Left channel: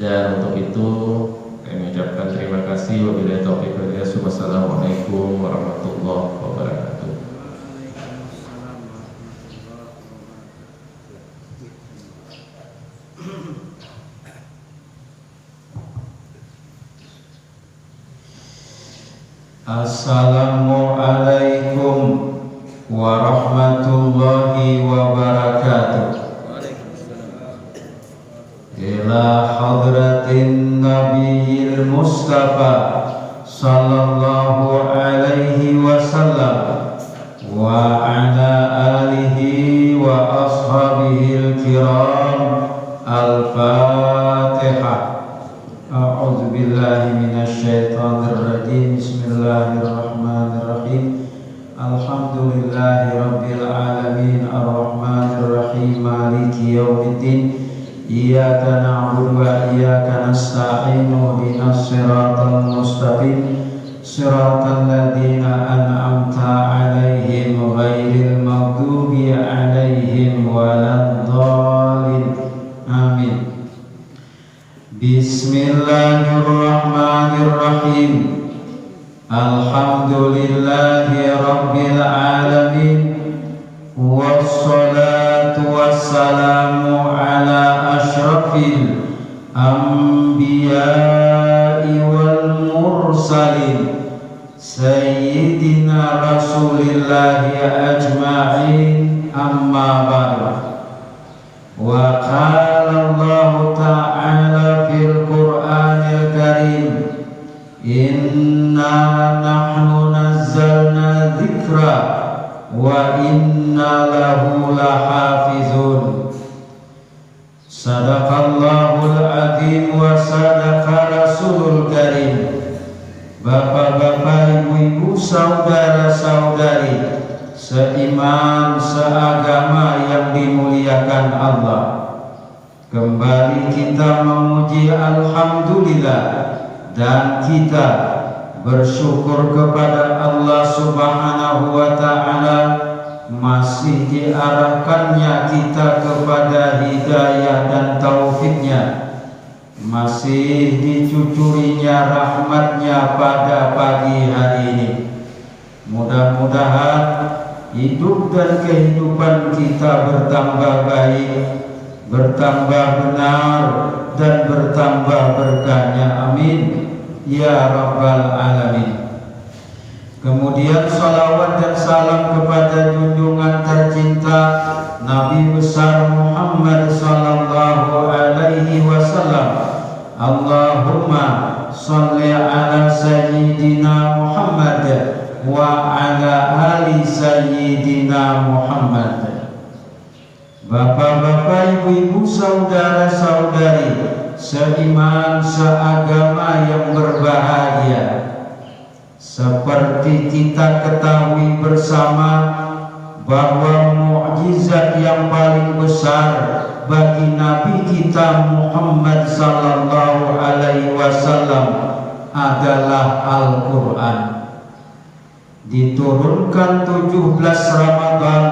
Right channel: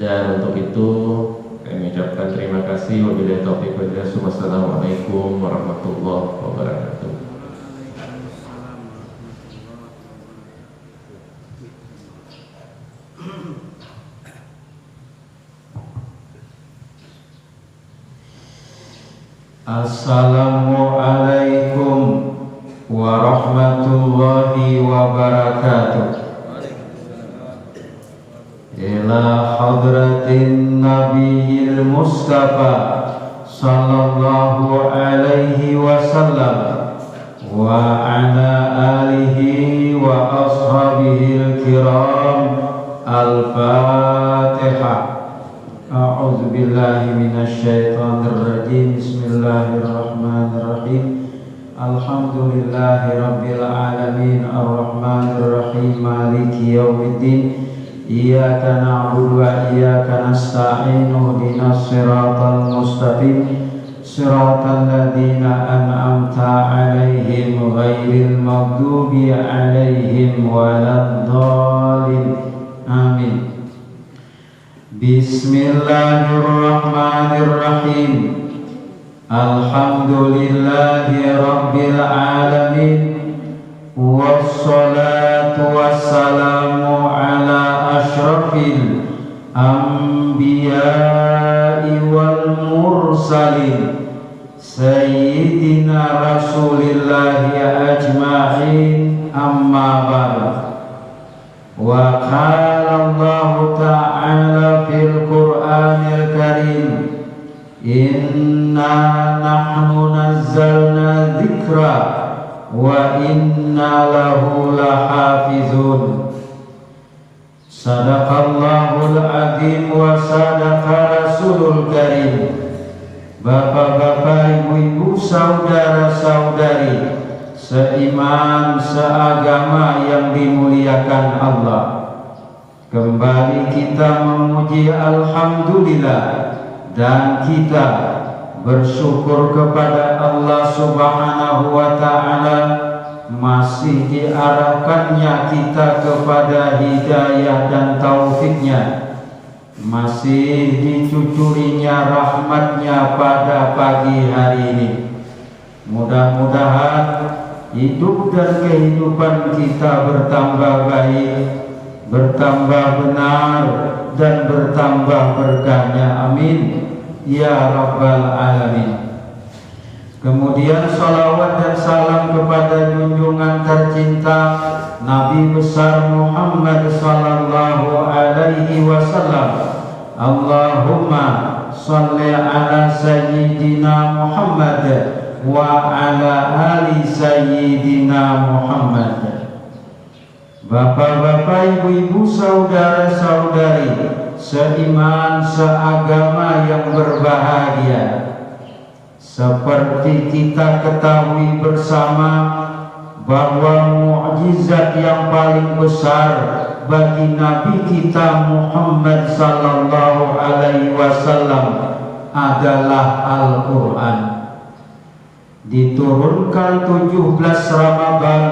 Dan untuk itu kami mengucapkan terima kasih. Wabillahi taufiq wal hidayah. Wassalamualaikum warahmatullahi wabarakatuh. Assalamualaikum warahmatullahi wabarakatuh. Ila hadratin nabiyil mustafa sallallahu alaihi wasallam wa ala alihi wa ashabihil kiram. Al-Fatihah. A'udzu billahi minasy syaithanir rajim. Bismillahirrahmanirrahim. Alhamdulillahi rabbil alamin arrahmanir rahim maliki yaumiddin. Iyyaka na'budu wa iyyaka nasta'in. Ihdinas siratal mustaqim. Siratal ladzina an'amta 'alaihim ghairil maghdubi 'alaihim waladdallin. Amin. Bismillahirrahmanirrahim. Alhamdulillahi rabbil alamin. Wassalatu wassalamu ala asyrafil anbiya'i wal mursalin sayyidina rasulillahi ajma'in. Amma ba'd. Wa qala Allah ta'ala fil Qur'anil Karim, inna nahnu nazzalna dzikra wa inna lahu lahafizun. Sadaqallahul azim wa sadaqa rasulul karim. Bapak-bapak, ibu-ibu, saudara-saudari seiman, seagama yang dimuliakan Allah, kembali kita memuji alhamdulillah dan kita bersyukur kepada Allah Subhanahu wa ta'ala masih diarahkannya kita kepada hidayah dan taufiknya, masih dicucurinya rahmatnya pada pagi hari ini. Mudah-mudahan hidup dan kehidupan kita bertambah baik, bertambah benar, dan bertambah berkahnya. Amin ya rabbal alamin. Kemudian salawat dan salam kepada junjungan tercinta Nabi besar Muhammad sallallahu alaihi wasallam. Allahumma sholli ala sayyidina Muhammad wa ala ali sayyidina Muhammad. Bapak-bapak, ibu-ibu, saudara-saudari seiman, seagama yang berbahagia, seperti kita ketahui bersama bahwa mukjizat yang paling besar bagi Nabi kita Muhammad sallallahu alaihi wasallam adalah Al-Quran. Diturunkan 17 Ramadan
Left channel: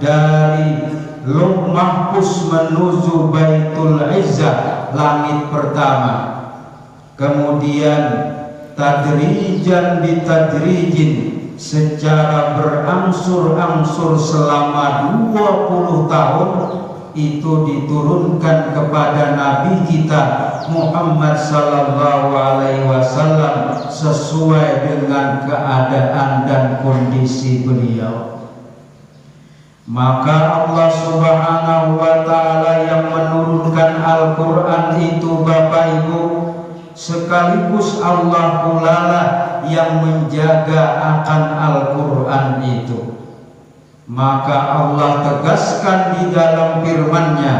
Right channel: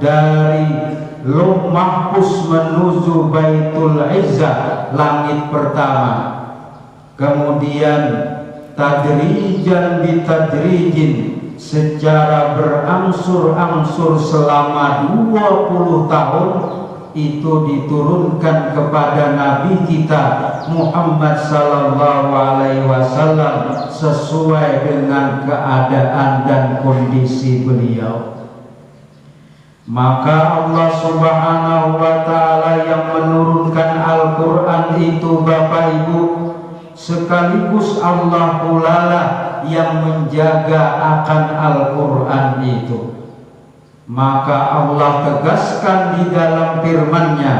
dari Lauh Mahfuz menuju Baitul Izzah, langit pertama. Kemudian tadrijan bitadrijin, secara berangsur-angsur selama 20 tahun itu diturunkan kepada Nabi kita Muhammad sallallahu alaihi wasallam sesuai dengan keadaan dan kondisi beliau. Maka Allah Subhanahu wa ta'ala yang menurunkan Al-Quran itu, Bapak Ibu, sekaligus Allah pula lah yang menjaga akan Al-Quran itu. Maka Allah tegaskan di dalam firman-Nya,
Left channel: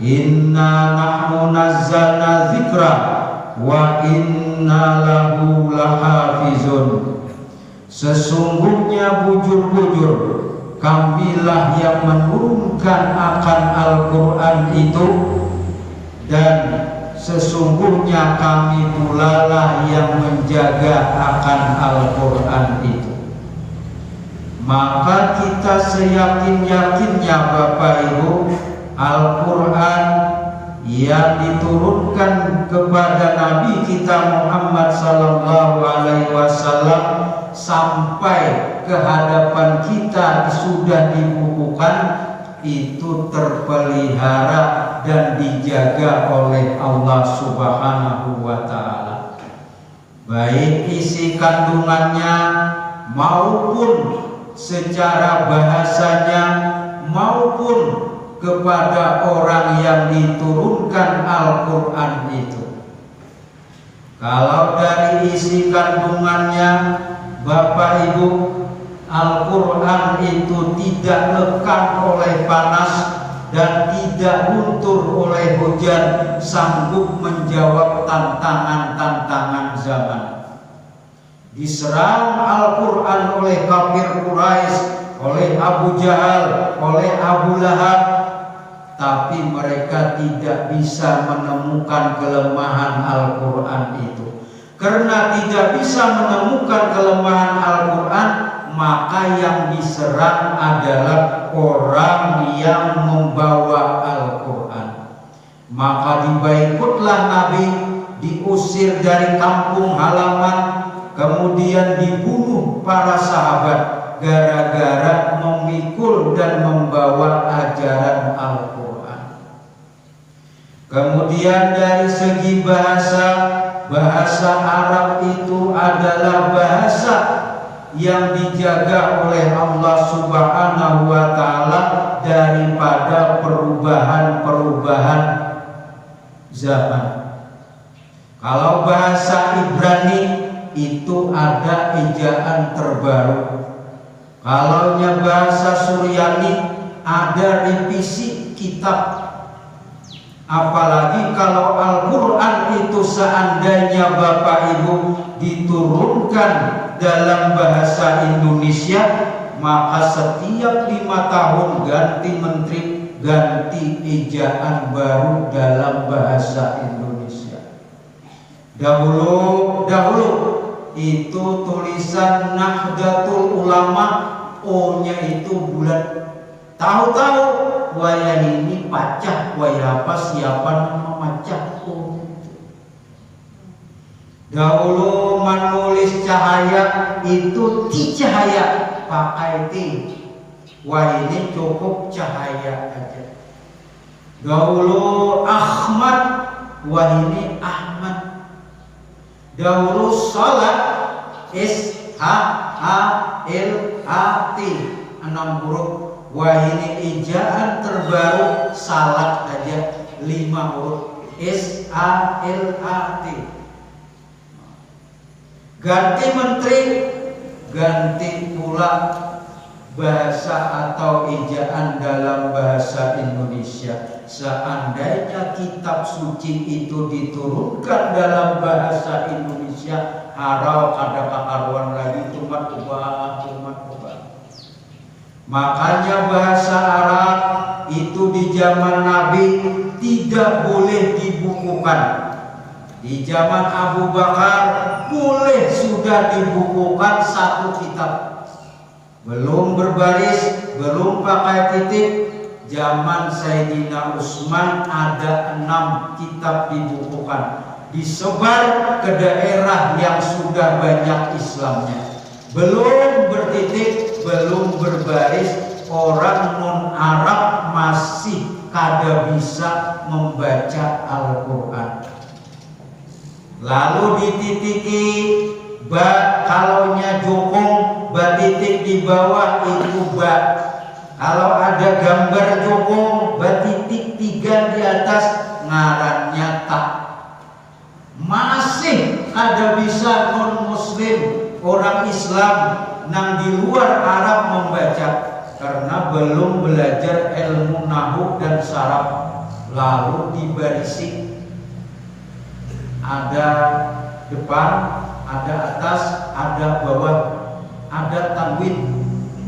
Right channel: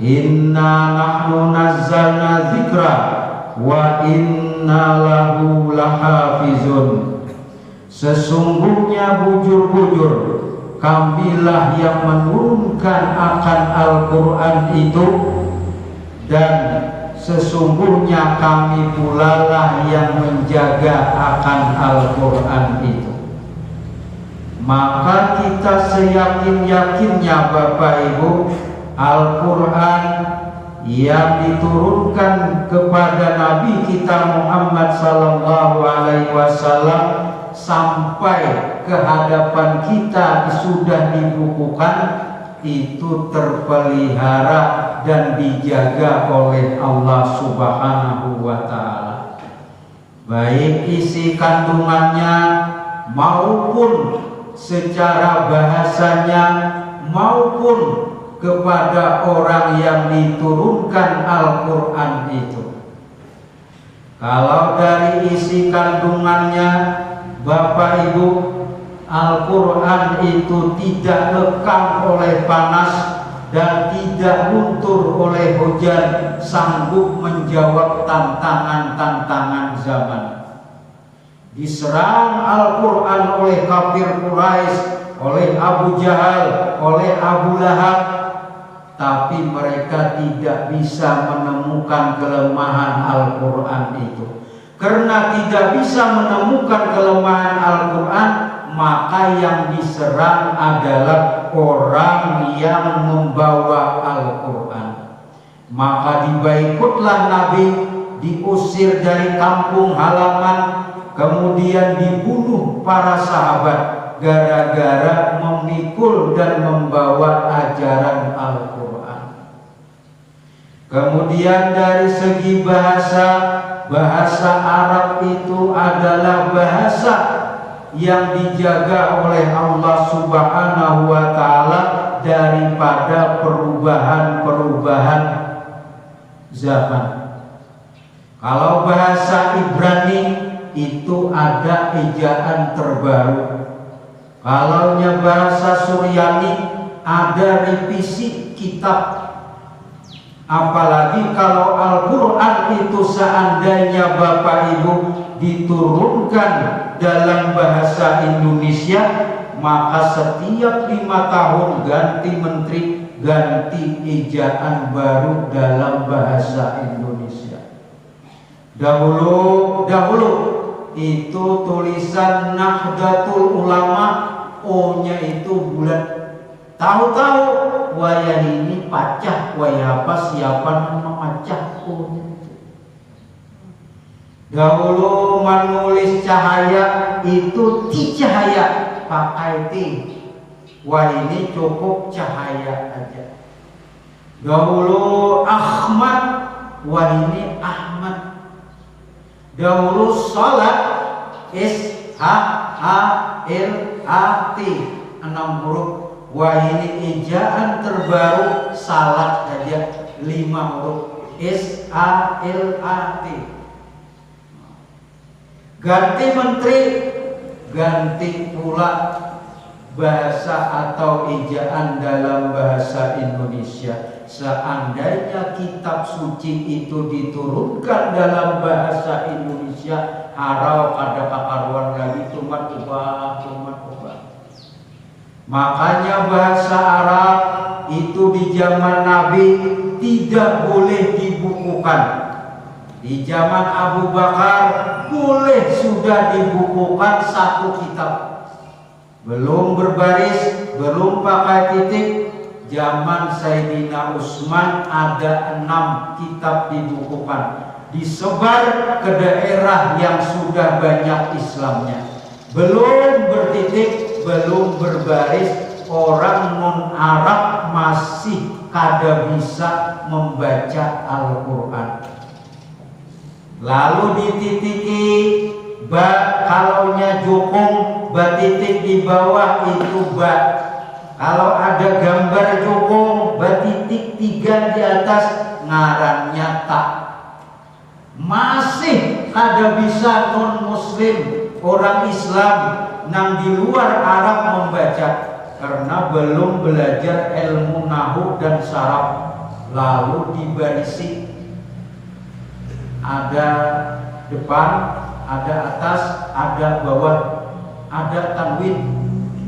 inna nahnu nazzalna dzikra wa inna lahu lahafizun. Sesungguhnya bujur-bujur kamilah yang menurunkan akan Al-Quran itu, dan sesungguhnya kami pula lah yang menjaga akan Al-Quran itu. Maka kita seyakin-yakinnya Bapak Ibu, Al-Quran yang diturunkan kepada Nabi kita Muhammad sallallahu alaihi wasallam sampai ke hadapan kita sudah dibukukan, itu terpelihara dan dijaga oleh Allah Subhanahu wa ta'ala, baik isi kandungannya maupun secara bahasanya maupun kepada orang yang diturunkan Al-Quran itu. Kalau dari isi kandungannya, Bapak Ibu, Al-Quran itu tidak lekang oleh panas dan tidak luntur oleh hujan, sanggup menjawab tantangan-tantangan zaman. Diserang Al-Quran oleh kafir Quraisy, oleh Abu Jahal, oleh Abu Lahab, tapi mereka tidak bisa menemukan kelemahan Al-Quran itu. Karena tidak bisa menemukan kelemahan Al-Quran, maka yang diserang adalah orang yang membawa Al-Quran. Maka dibaikutlah Nabi, diusir dari kampung halaman, kemudian dibunuh para sahabat gara-gara memikul dan membawa ajaran Al-Quran. Kemudian dari segi bahasa Arab itu adalah bahasa yang dijaga oleh Allah Subhanahu wa ta'ala daripada perubahan-perubahan zaman. Kalau bahasa Ibrani itu ada ejaan terbaru. Kalau bahasa Suryani ada revisi kitab. Apalagi kalau Al-Quran itu seandainya Bapak Ibu diturunkan dalam bahasa Indonesia, maka setiap 5 tahun ganti menteri, ganti ejaan baru dalam bahasa Indonesia. Dahulu itu tulisan Nahdlatul Ulama, O-nya itu bulat. Tahu-tahu wayah ini pacah, wayah apa siapa nama macah O. Dahulu menulis cahaya itu ti cahaya pakai T. Wah ini cukup cahaya aja. Dahulu Ahmad, wah ini Ahmad. Dahulu sholat S-H-A-L-A-T 6 huruf. Wah ini ejaan terbaru salat aja 5 huruf S-A-L-A-T. Ganti menteri, ganti pula bahasa atau ejaan dalam bahasa Indonesia. Seandainya kitab suci itu diturunkan dalam bahasa Indonesia, harau ada kakaruan lagi tumat ubah. Makanya bahasa Arab itu di zaman Nabi tidak boleh dibukukan. Di zaman Abu Bakar boleh sudah dibukukan 1 kitab. Belum berbaris, belum pakai titik. Zaman Sayyidina Utsman ada 6 kitab dibukukan. Disebar ke daerah yang sudah banyak Islamnya. Belum bertitik, belum berbaris, orang non-Arab masih kada bisa membaca Al-Quran. Lalu dititiki ba, kalaunya jokong, ba titik di bawah itu ba. Kalau ada gambar jokong, ba titik 3 di atas, ngarannya tak. Masih ada bisa non-muslim, orang Islam nang di luar Arab membaca karena belum belajar ilmu nahwu dan saraf. Lalu dibarisi, ada depan, ada atas, ada bawah, ada tanwin.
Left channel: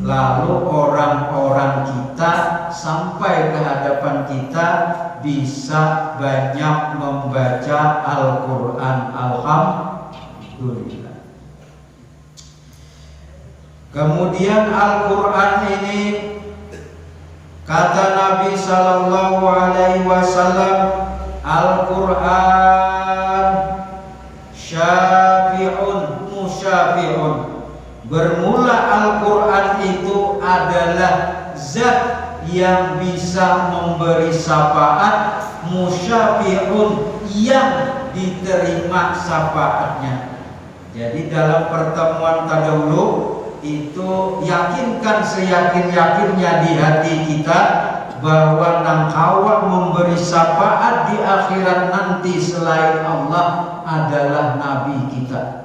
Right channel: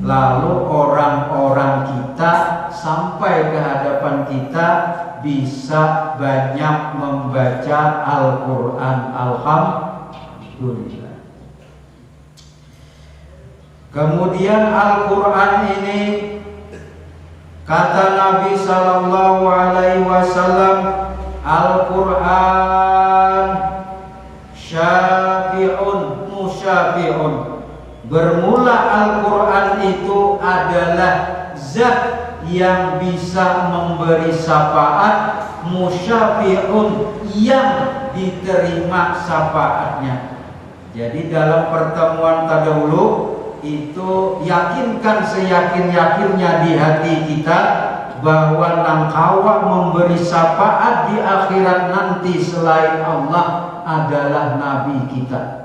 Lalu orang-orang kita sampai ke hadapan kita bisa banyak membaca Al-Quran. Alhamdulillah. Kemudian Al-Quran ini, kata Nabi Sallallahu Alaihi Wasallam, Al-Quran syafi'un musyafi'un. Bermula Al-Quran itu adalah zat yang bisa memberi syafaat, musyafi'un yang diterima syafaatnya. Jadi dalam pertemuan terdahulu itu yakinkan seyakin-yakinnya di hati kita bahwa nangkawa memberi syafaat di akhirat nanti selain Allah adalah Nabi kita.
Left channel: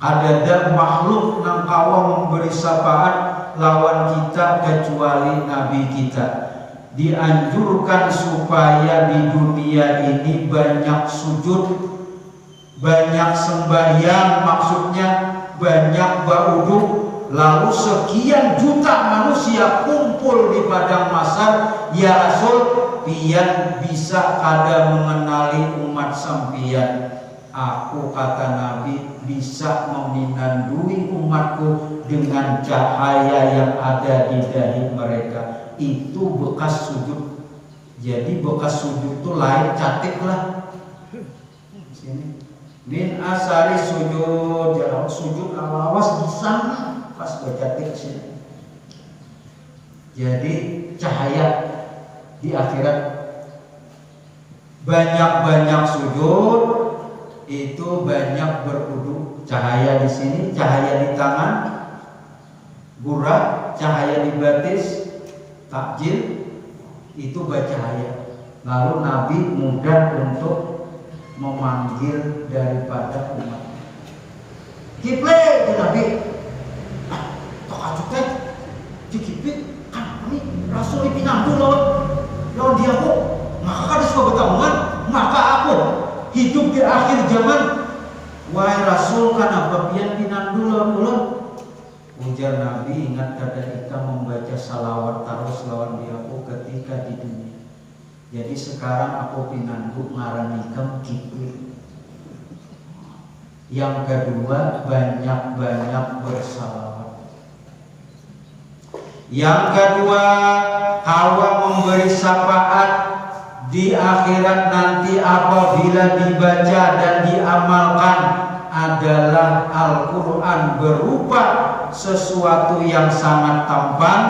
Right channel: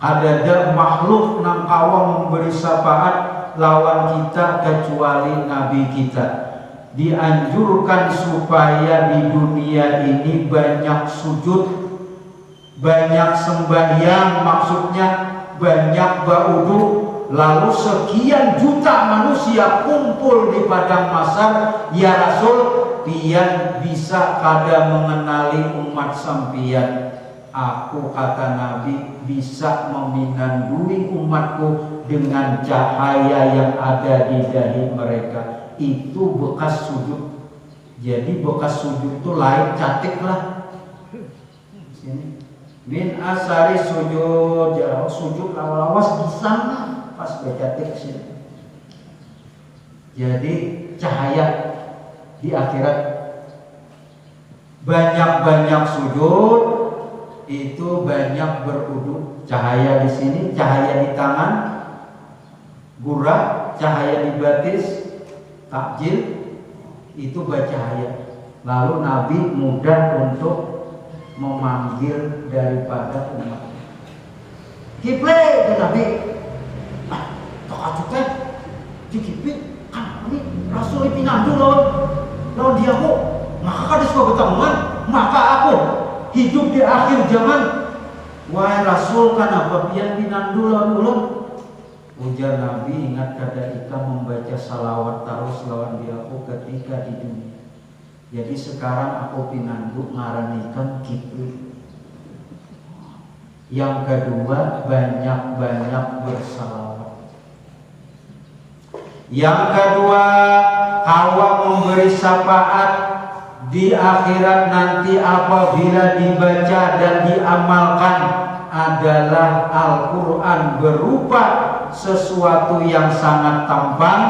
Ada makhluk nangkawa memberi syafaat lawan kita kecuali Nabi kita. Dianjurkan supaya di dunia ini banyak sujud, banyak sembahyang, maksudnya banyak berwudu. Lalu sekian juta manusia kumpul di padang mahsyar, ya Rasul, pian bisa kada mengenali umat sampian. Aku, kata Nabi, bisa meminandui umatku dengan cahaya yang ada di dahi mereka. Itu bekas sujud. Jadi bekas sujud itu lain catik lah. Sini. Min asari sujud, jarak sujud lawas di sana pas baca teks sini. Jadi cahaya di akhirat banyak-banyak sujud itu banyak berwudu. Cahaya di sini, cahaya di tangan, gurah, cahaya di batis, takjil itu bercahaya. Lalu Nabi mudah untuk memanggil daripada umat. Kiple ke Nabi. Tok acuke dikipit kan ini Rasul pinandu lawan dia kok. Maka kada sebagai tahunan, maka aku hidup di akhir zaman. Wahai Rasul, kenapa pian pinandu lawan ulun? Ujar Nabi, ingat kada kita membaca salawat terus lawan dia aku ketika di dunia. Jadi sekarang aku pinandu ngaranikeun kitu. Yang kedua, banyak-banyak bersalawat. Yang kedua, hawa memberi syafaat di akhirat nanti apabila dibaca dan diamalkan adalah Al-Quran berupa sesuatu yang sangat tampan,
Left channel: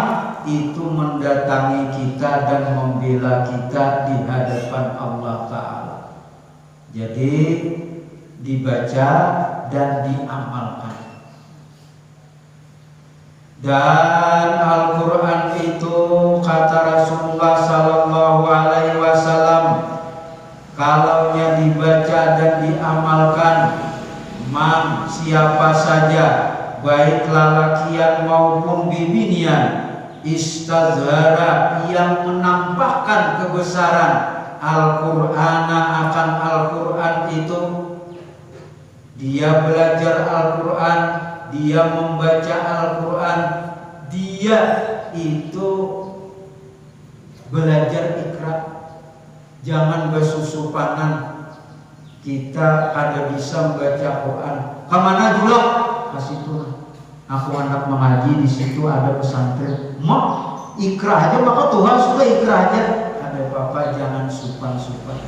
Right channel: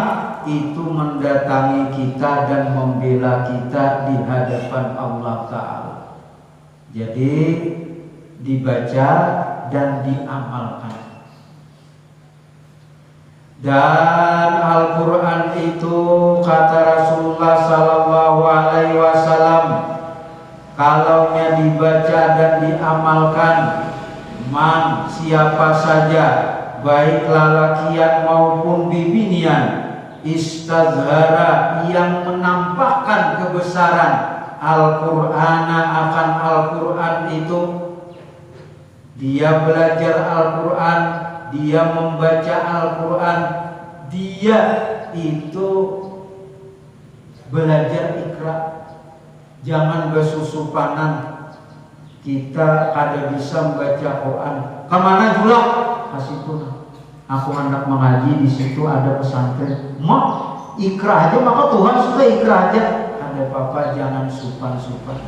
itu mendatangi kita dan membela kita di hadapan Allah Ta'ala. Jadi dibaca dan diamalkan. Dan Al-Quran itu kata Rasulullah Sallallahu Alaihi Wasallam, kalaunya dibaca dan diamalkan, man siapa saja baik lalakian maupun bibinian, istazhara yang menampakkan kebesaran Al-Qur'ana akan Al-Quran itu, dia belajar Al-Quran, dia membaca Al-Quran, dia itu belajar ikra. Jangan bersusupanan kita kada bisa membaca Quran. Kemana juga? Kasih pun. Aku anak mengaji di situ ada pesantren. Mau ikra aja, maka Tuhan sudah ikra aja. Ada apa-apa, jangan supan-supan.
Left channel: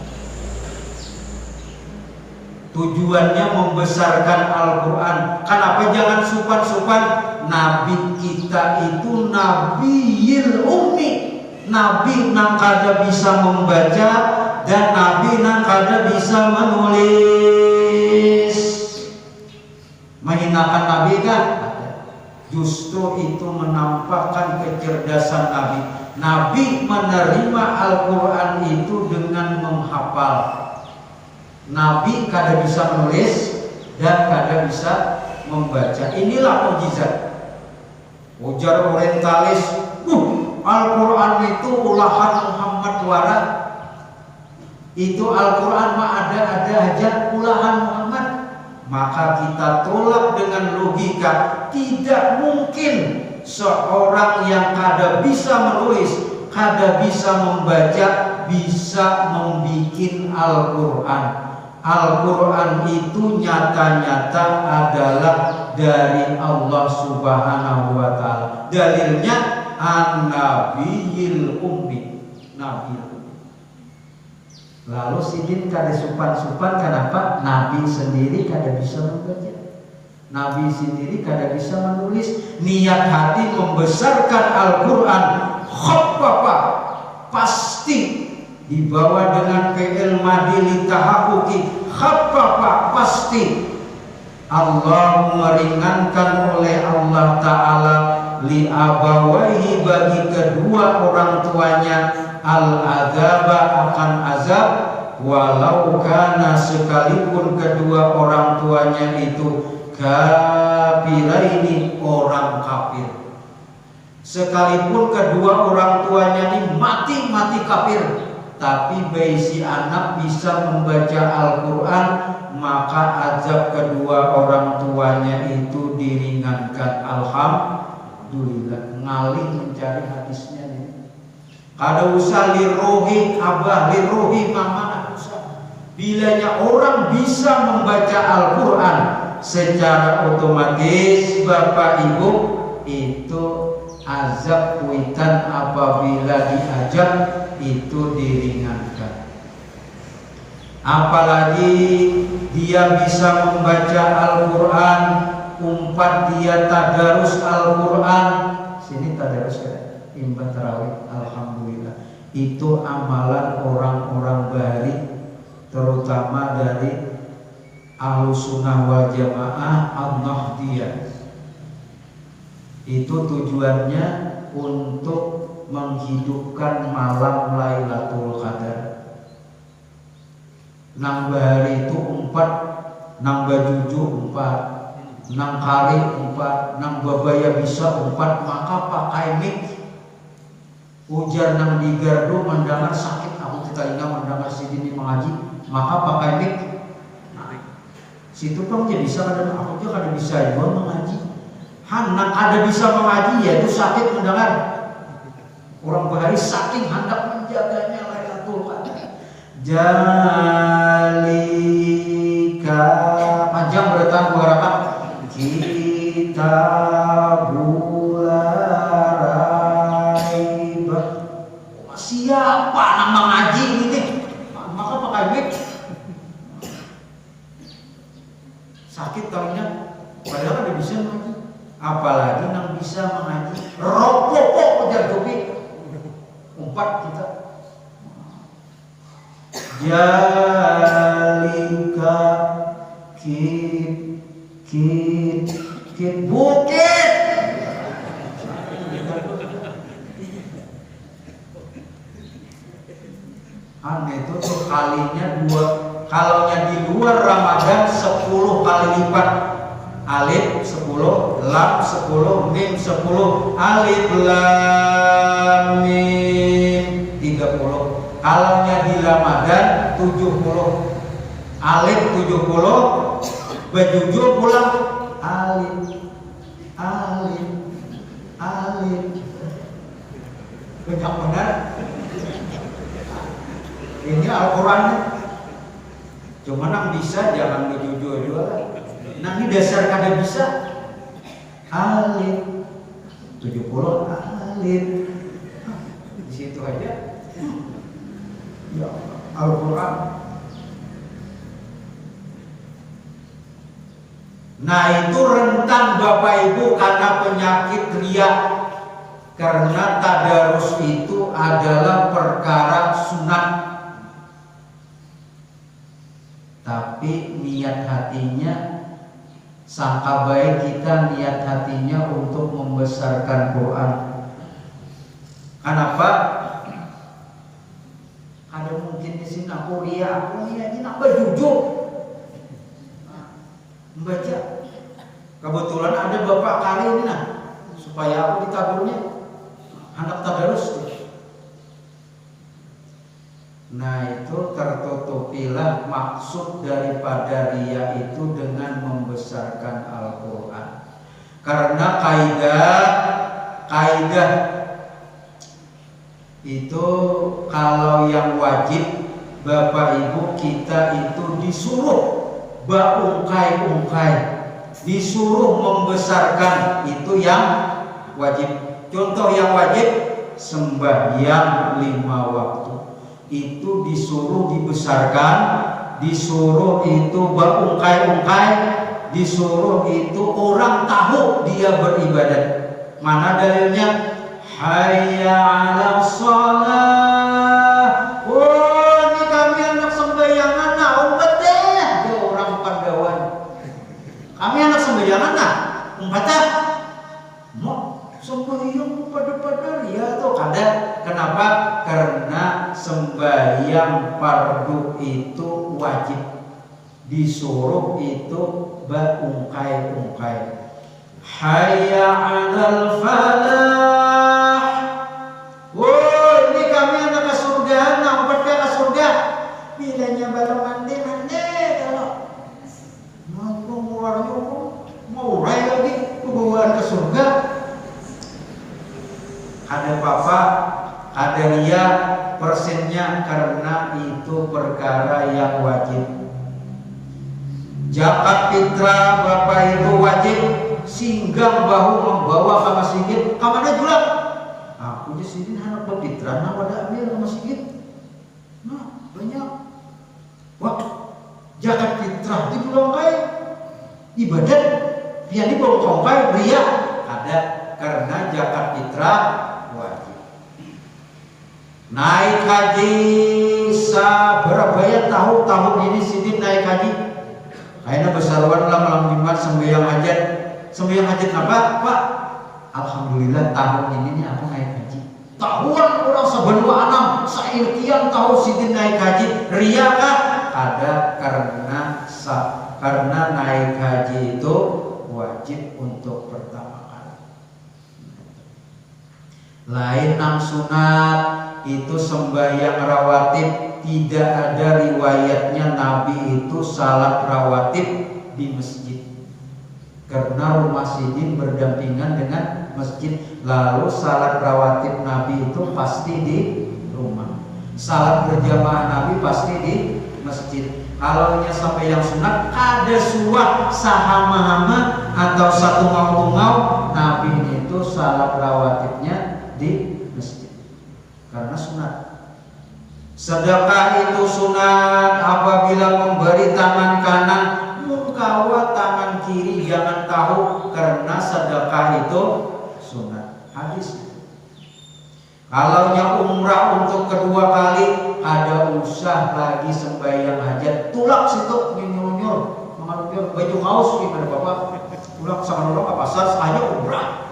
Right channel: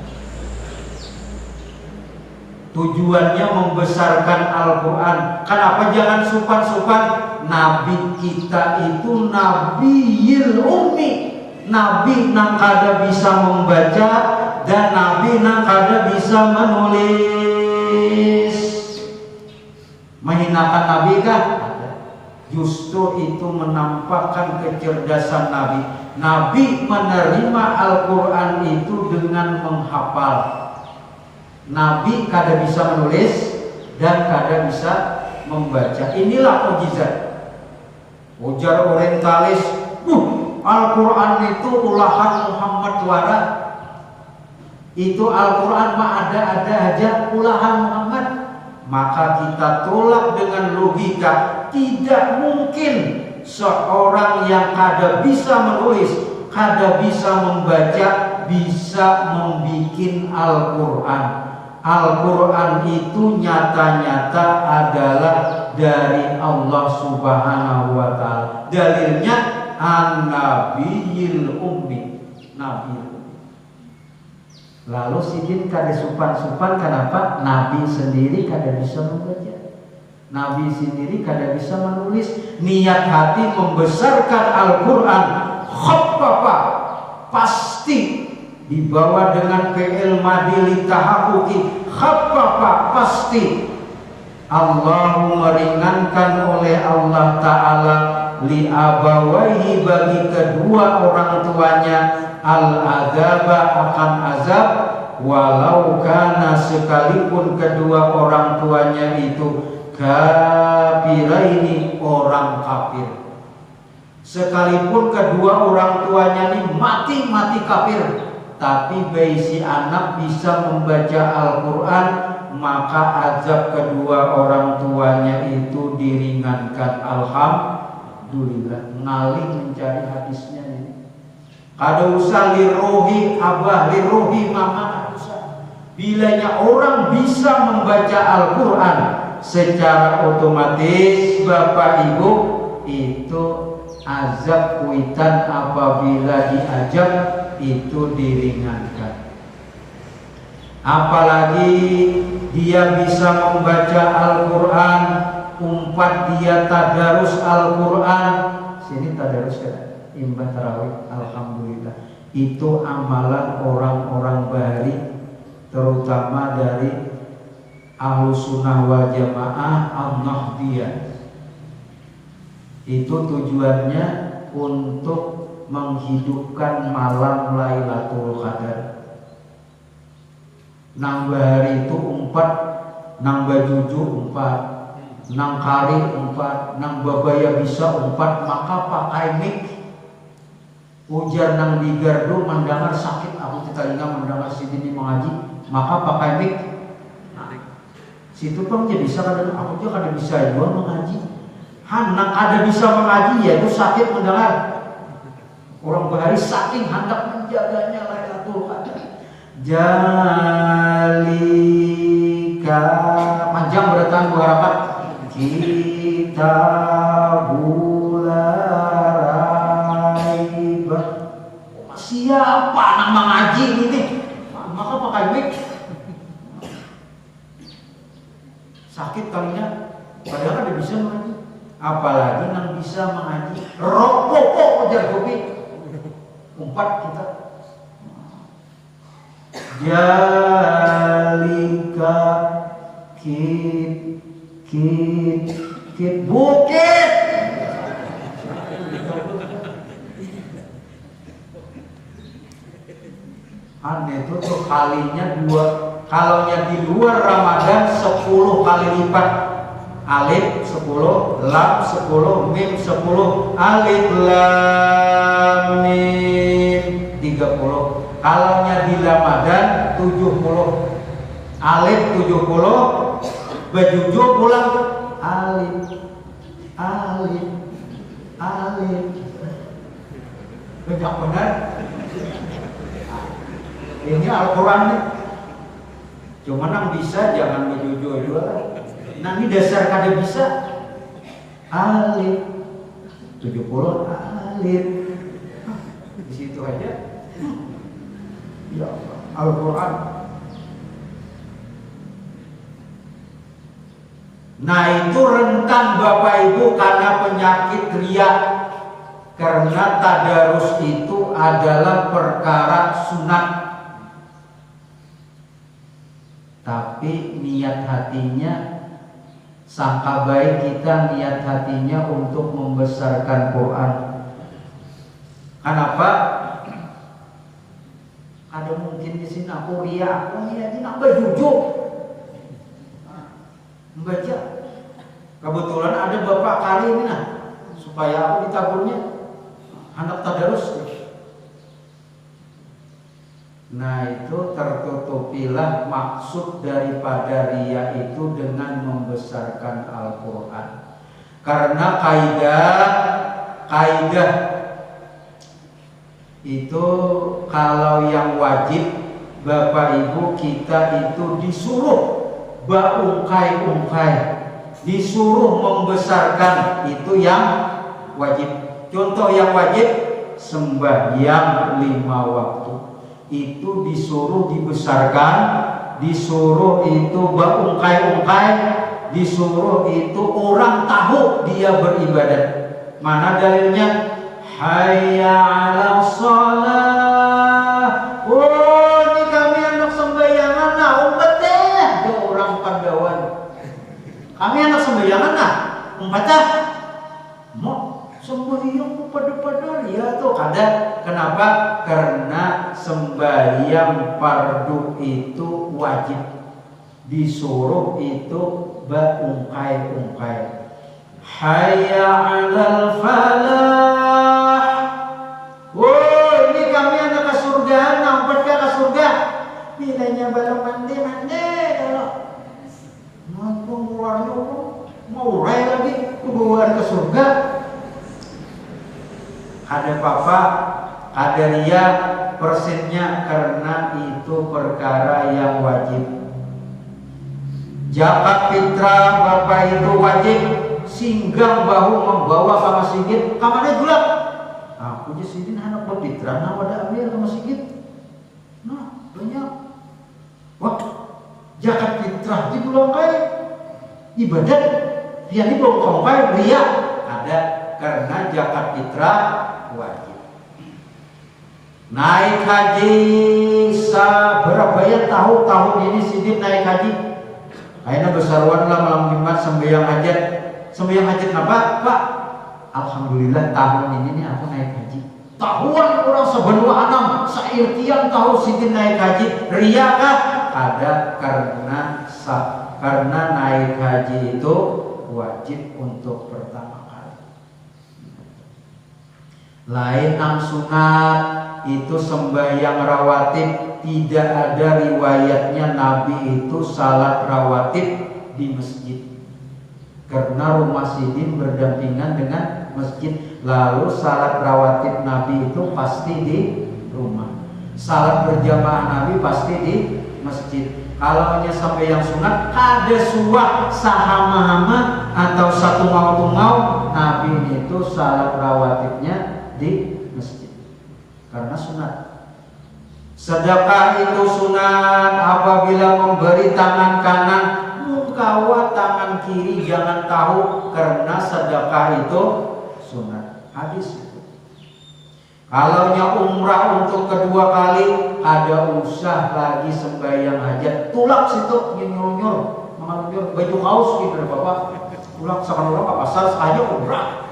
Tujuannya membesarkan Al-Quran. Kenapa jangan supan-supan? Nabi kita itu Nabiyil Ummi, Nabi nang kada bisa membaca dan Nabi nang kada bisa menulis. Menghinakan Nabi kan? Justru itu menampakkan kecerdasan Nabi. Nabi menerima Al-Quran itu dengan menghafal. Nabi kada bisa menulis dan kada bisa membaca. Inilah mukjizat. Ujar orientalis, Al-Quran itu ulahan Muhammad wara. Itu Al-Quran mah ada aja ulahan Muhammad. Maka kita tolak dengan logika. Tidak mungkin seorang yang kada bisa menulis, kada bisa membaca, bisa membuat Al-Quran. Al-Quran itu nyata-nyata adalah dari Allah Subhanahu wa Ta'ala. Dalilnya An-Nabiyil Ummi, Nabi. Lalu sidin kada supan-supan, kenapa? Nabi sendiri kada bisa membaca, Nabi sendiri kada bisa menulis. Niat hati membesarkan Al-Quran khaffafa, pasti dibawa dengan fi'il madhi litahaqquqi, khaffafa, pasti Allah meringankan oleh Allah Ta'ala li abawaihi, bagi kedua orang tuanya, al-adzaba, akan azab, walau kana, sekalipun kedua orang tuanya itu kafiraini, orang kafir. Sekalipun kedua orang tuanya ini mati kafir, tapi bayi si anak bisa membaca Al-Quran, maka azab kedua orang tuanya itu diringankan. Alhamdulillah. Ngalih mencari hadisnya ini. Kada usah liruhi abah, liruhi mama, kada usah. Bilanya orang bisa membaca Al-Quran, secara otomatis bapak ibu itu azab kuitan apabila diajab itu diringankan. Apalagi dia bisa membaca Al-Quran, umpat dia tadarus Al-Quran. Sini tadarus ya, imbah tarawih, alhamdulillah. Itu amalan orang-orang baik, terutama dari Ahlus Sunnah wal Jamaah Al-Mahdiyah. Itu tujuannya untuk menghidupkan malam Lailatul Qadar. Nambah hari itu 4, nambah 7 4, nang kari 4, nang babaya bisa 4, maka pakai mic. Ujar nang di gardu mendengar sakit, aku telinga mendengar sidini mengaji, maka pakai mic. Situ pun jadi bisa, kadang aku juga ada bisa juga mengaji. Hendak ada bisa mengaji, ya itu sakit mendengar. Orang bahari saking hendak menjaganya Lailatul Qadar. Jalika, panjang bertahan 2 rakaat. Kita bularai. Siapa yang mengaji ini? Maka pakai mic. Sakit talinya, padahal ada bisa mengaji. Apalagi yang bisa mengaji rokok ujar kopi 4 kita. Jalika kit bukit. Aneh itu tuh kalinya 2. Kalau yang di luar Ramadan 10 kali lipat. Alif 10, lam 10, mim 10, alif lam mim 30. Kalaunya di Ramadan 70, alif 70, bejuju pulang alif. Banyak benar. Ini Al-Quran. Cuma yang bisa jangan bejuju juga. Nah ini dasar kada bisa. Alif 70 alif. Di situ aja. Ya Al-Quran. Nah itu rentan Bapak Ibu karena penyakit riya. Karena tadarus itu adalah perkara sunat, tapi niat hatinya, sangka baik kita niat hatinya untuk membesarkan Quran. Kenapa? Ada mungkin di sini aku riya, ini nambah jujur membaca. Kebetulan ada bapak kali ini nah, supaya aku ditagurnya anak tadarus. Nah itu tertutupilah maksud daripada riya itu dengan membesarkan Al-Quran. Karena kaidah itu kalau yang wajib Bapak Ibu kita itu disuruh baungkai-ungkai, disuruh membesarkan, itu yang wajib. Contoh yang wajib sembahyang 5 waktu. itu disuruh dibesarkan, disuruh itu berungkai-ungkai, disuruh itu orang tahu dia beribadah. Mana dalilnya? Hayya 'alas shalah. Oh, ini kami anak sembayangan nah umat deh. Dia orang Pandawan. Kami anak sembayangan nah umat dah. Mau sembahyang pada ya tuh kada. Kenapa? Karena sembahyang fardu itu wajib. Disuruh itu berungkai-ungkai. Hayya 'alal falah. Oh, ini kami anak ke surga, nampak ke surga. Bilanya baru mandi kalau mau mulai mau rai lagi hubungan ke surga. Ada papa, ada ria persennya karena itu perkara yang wajib. Zakat fitrah bapak itu wajib. Singgah bahu membawa sama Sigit, kamarnya juga. Aku aja sini anak berfitrah, nah pada ambil sama Sigit. Nah banyak. Wah, zakat fitrah di Bulongkai ibadat, dia di Bulongkai ria ada karena zakat fitrah wajib. Naik haji berapa ya tahun ini Sigit naik haji. Kayaknya besaruan lah malam Jumat sembahyang hajat. Sembahyang hajat apa? Pak, alhamdulillah tahun ini nih aku naik haji. Tahuan orang sebelum anak sairtian tahu Siti naik haji. Ria kah? Ada karena naik haji itu wajib untuk pertama kali. Lain nang sunat itu sembahyang rawatib, tidak ada riwayatnya Nabi itu salat rawatib di masjid. Karena rumah Sidin berdampingan dengan masjid. Lalu salat rawatib Nabi itu pasti di rumah. Salat berjamaah Nabi pasti di masjid. Kalau hanya sampai yang sunat ada suap sahama-hama atau satu mau Nabi itu salat rawatibnya di masjid. Karena sunat. Sedekah itu sunat apabila memberi tangan kanan mengkawat tangan kiri jangan tahu karena sedekah itu sunat. Hadis itu. Kalaunya umrah untuk kedua kali ada usah lagi sembahyang hajat tulak situ nyunyur mengambil baju kaos gitu bapak tulak sama orang ke pasar aja umrah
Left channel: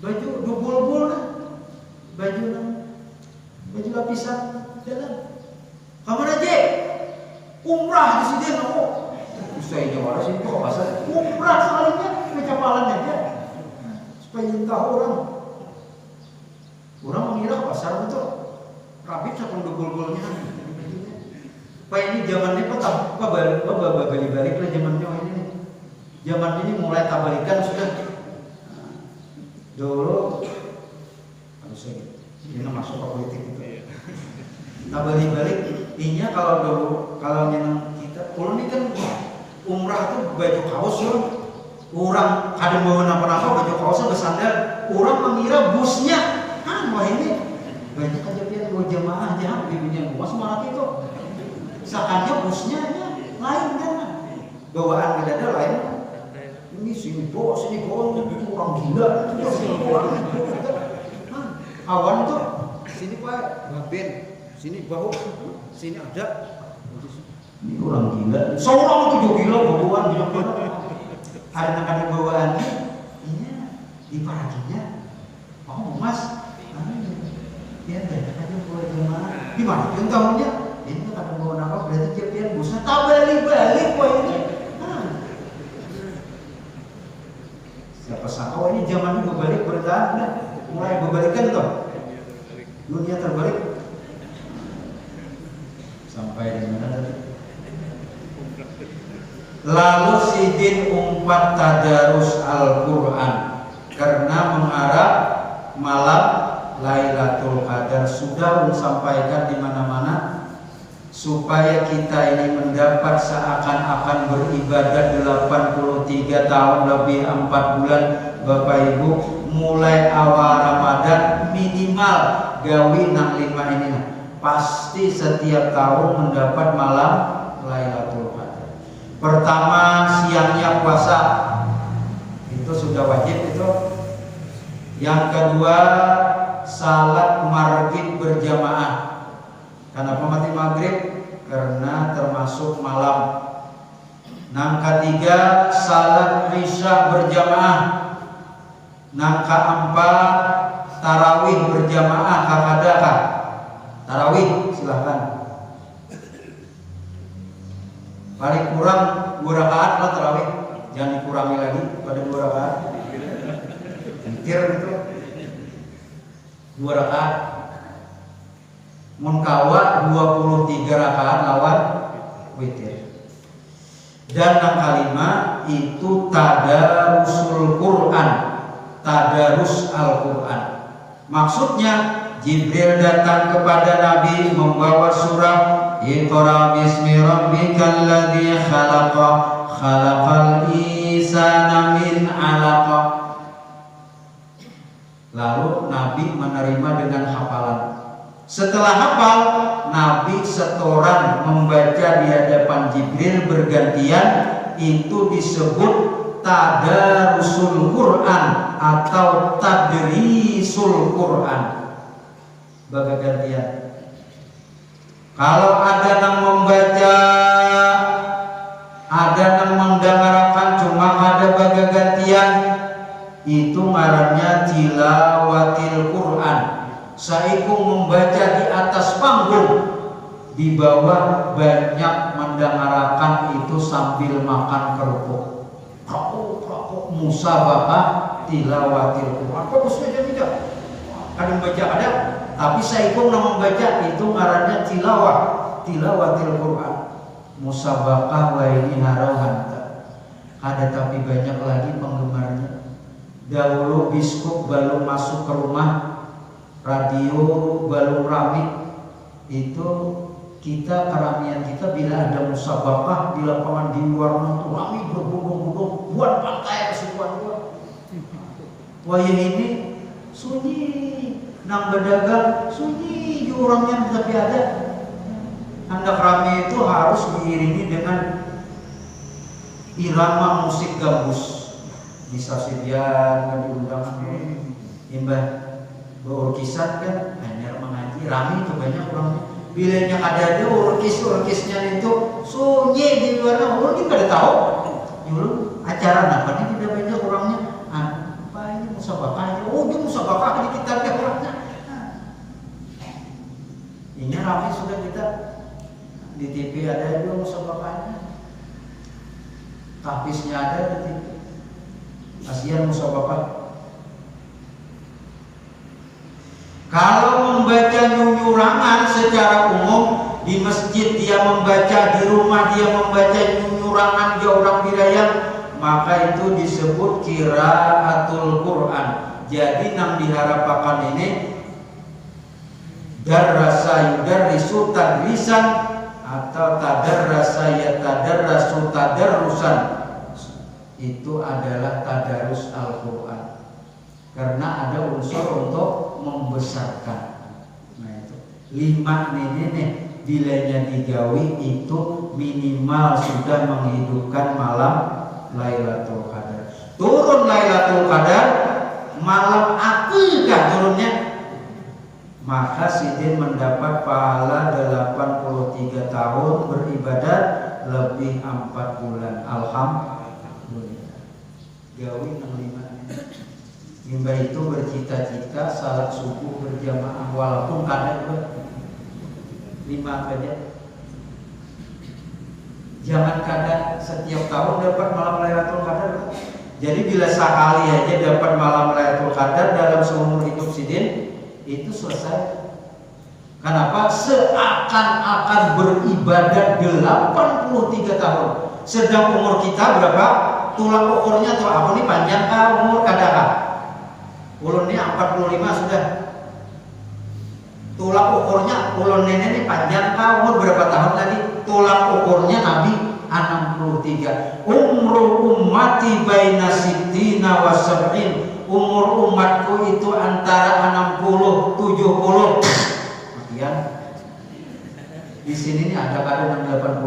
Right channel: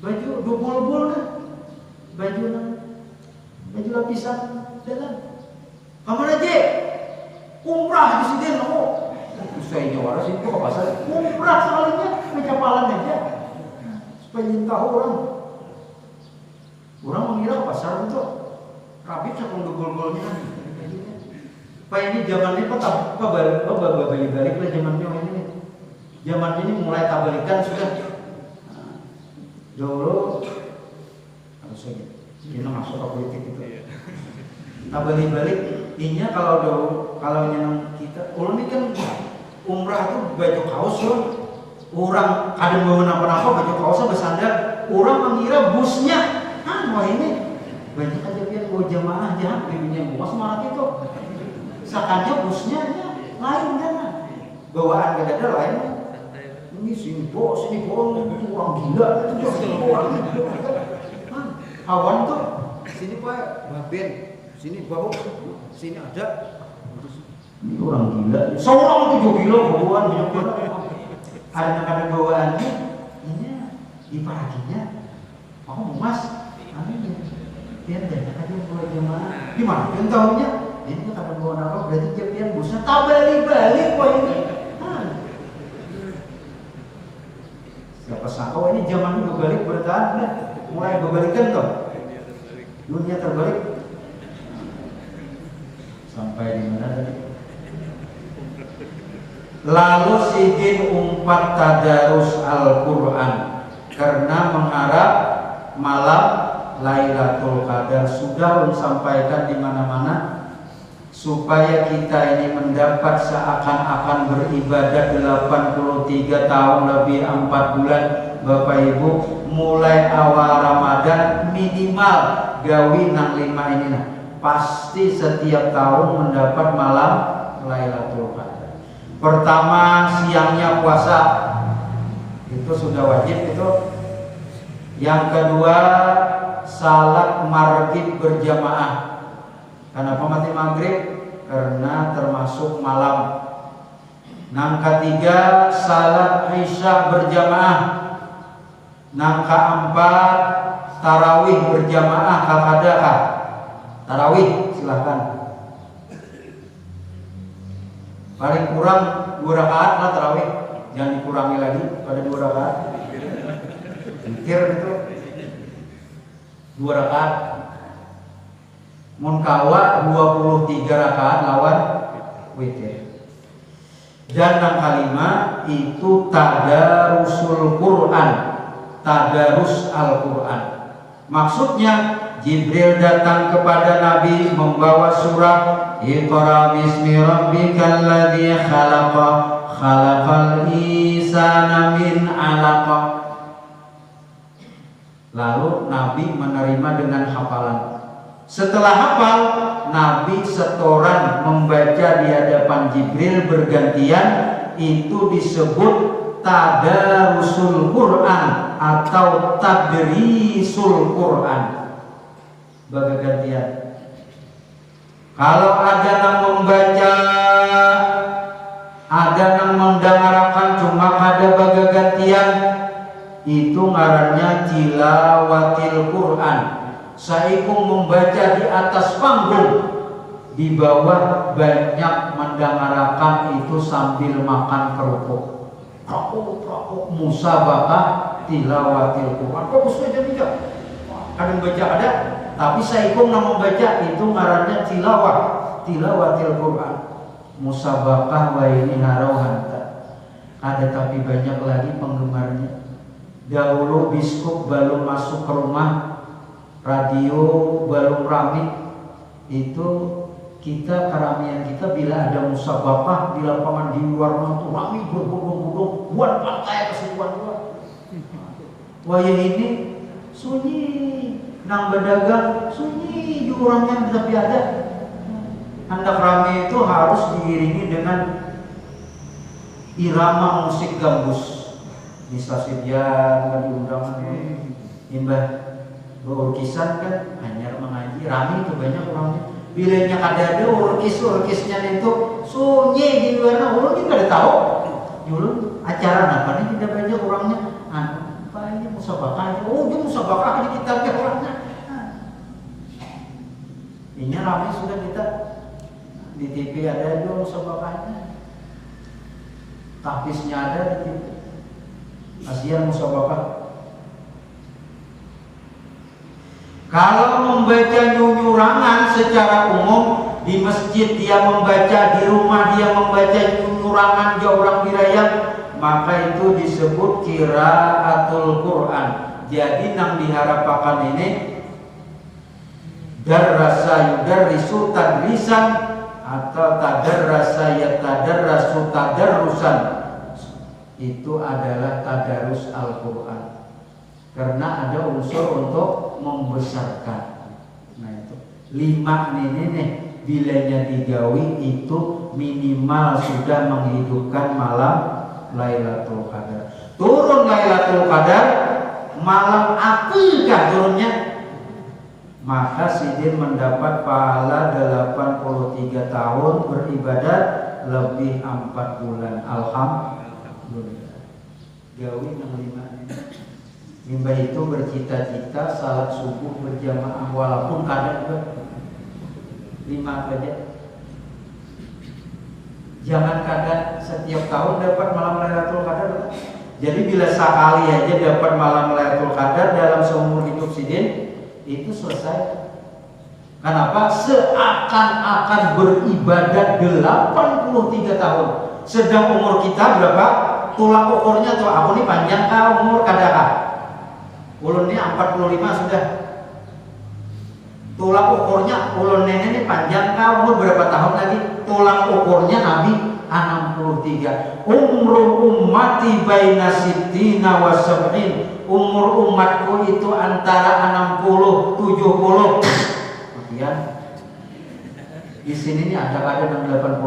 baju dubul-bul kan baju lapisan dalam kamar aja umrah di sini saya nyuara sih kok pasal umrah sekalinya kecapalan aja supaya tahu orang mengira pasar betul rapid cakung dugul-gulnya Pak ini zamannya kok balik lah zamannya ini nih zamannya ini mulai tabalikan sudah dulu harusnya kita masuk ke politik itu tabalik intinya kalau yang kita ini kan umrah itu baju kaos orang ada bawa apa-apa baju kaosnya bersandar orang mengira busnya wah ini banyak aja dia buat jemaah aja bimbingnya buas malah itu sakannya busnya lain kan bawaan kita ada lain ini sini bos itu orang gila awan tuh sini pak baben sini bahu sini ada ini orang gila seorang tuh juga gila bawaan ada bawaannya ini di paginya mas dia ada buat jemaah di mana yang tahunya ini kalau bawa apa berarti dia bisa tak balik kok ini siapa sangka ini zaman gue balik bertahan mulai gue balikan toh dunia terbalik sampai di mana tadi lalu Sidin umpat tadarus Al-Quran karena mengharap malam Lailatul Qadar sudah sampaikan di mana-mana supaya kita ini mendapat seakan-akan beribadah 83 tahun lebih 4 bulan Bapak Ibu mulai awal Ramadan minimal gawi nang 5 ini nah, pasti setiap tahun mendapat malam Lailatul Qadar. Pertama, siangnya puasa, itu sudah wajib itu. Yang kedua, salat maghrib berjamaah. Kenapa mati maghrib? Karena termasuk malam. Yang ketiga, salat isya berjamaah. Yang keempat, tarawih berjamaah. Adakah tarawih? Silahkan. Paling kurang 2 rakaat lah tarawih. Jangan dikurangi lagi pada 2 rakaat. Mikir gitu. 2 rakaat. Munkawa 23 rakaat lawan witir. Dan yang kelima itu tadarusul Quran, tadarus Al-Quran. Maksudnya Jibril datang kepada Nabi membawa surah Iqra bismi rabbikal ladzi khalaqa khalaqal insana min 'alaqah. Lalu Nabi menerima dengan hafalan. Setelah hafal, Nabi setoran membaca di hadapan Jibril bergantian. Itu disebut tadarusul Quran atau tadrisul Quran, bergantian. Kalau ada yang membaca, ada yang mendengarkan, cuma ada bergantian, itu ngarannya tilawatil Quran. Saiku membaca di atas panggung, di bawah banyak mendengarkan itu sambil makan kerupuk. Kerupuk musabaqah tilawatil Quran. Kok saja tidak? Ada yang baca ada, tapi saiku membaca itu ngarannya tilawatil Quran. Musabaqah wa ini narawhanta. Ada tapi banyak lagi penggemarnya. Dahulu biskup baru masuk ke rumah, radio baru rame, itu kita keramaian kita bila ada musabaqah di lapangan di luar rumah rame berbondong-bondong buat lantai keseluruhan. Wah ini sunyi, nang berdagang sunyi, orangnya tapi ada. Hendak rame itu harus diiringi dengan irama musik gambus. Di stasiun diundang imbah berurkisan kan hanya mengaji rame itu banyak orangnya. Bilanya ada urkisnya itu sunyi di luar orang kita tidak tahu. Dulu acara apa nih tidak banyak orangnya. Apa ini musabaqah? Oh dia musabaqah di kitabnya orangnya. Ini ramai sudah kita di TV ada juga musabaqahnya. Tahfiznya ada di TV. Kasihan musabaqah. Kalau membaca nyunyurangan secara umum di masjid dia membaca, di rumah dia membaca nyunyurangan di orang birayan, maka itu disebut qiraatul Quran. Jadi yang diharapkan ini darrasa yudarrisu tadrisan atau tadarrasa yatadarrasu tadarrusan. Itu adalah tadarus Al-Quran, karena ada unsur untuk membesarkan. Nah itu 5 ini nih bilanya digawi itu minimal sudah menghidupkan malam Lailatul Qadar. Turun Lailatul Qadar malam akikah turunnya, maka sidin mendapat pahala 83 tahun beribadat lebih 4 bulan. Alhamdulillah. Gawi 65 Nimba itu bercita-cita salat subuh berjamaah walaupun kadang 5 saja. Jangan kadang setiap tahun dapat malam Lailatul Qadar. Jadi bila sekali aja dapat malam Lailatul Qadar dalam seumur hidup sidin itu selesai. Kenapa? Seakan-akan beribadat 83 tahun. Sedang umur kita berapa? Tulang ukurnya tuh aku nih panjang kah umur kadang ulun ini 45 sudah. Tulang ukurnya ulun nenek ini panjang kah umur berapa tahun lagi? Tulang ukurnya Nabi 63. Umru ummati baina sittina wa sab'in umur umatku itu antara 60 70. Kemudian di sini nih ada yang 80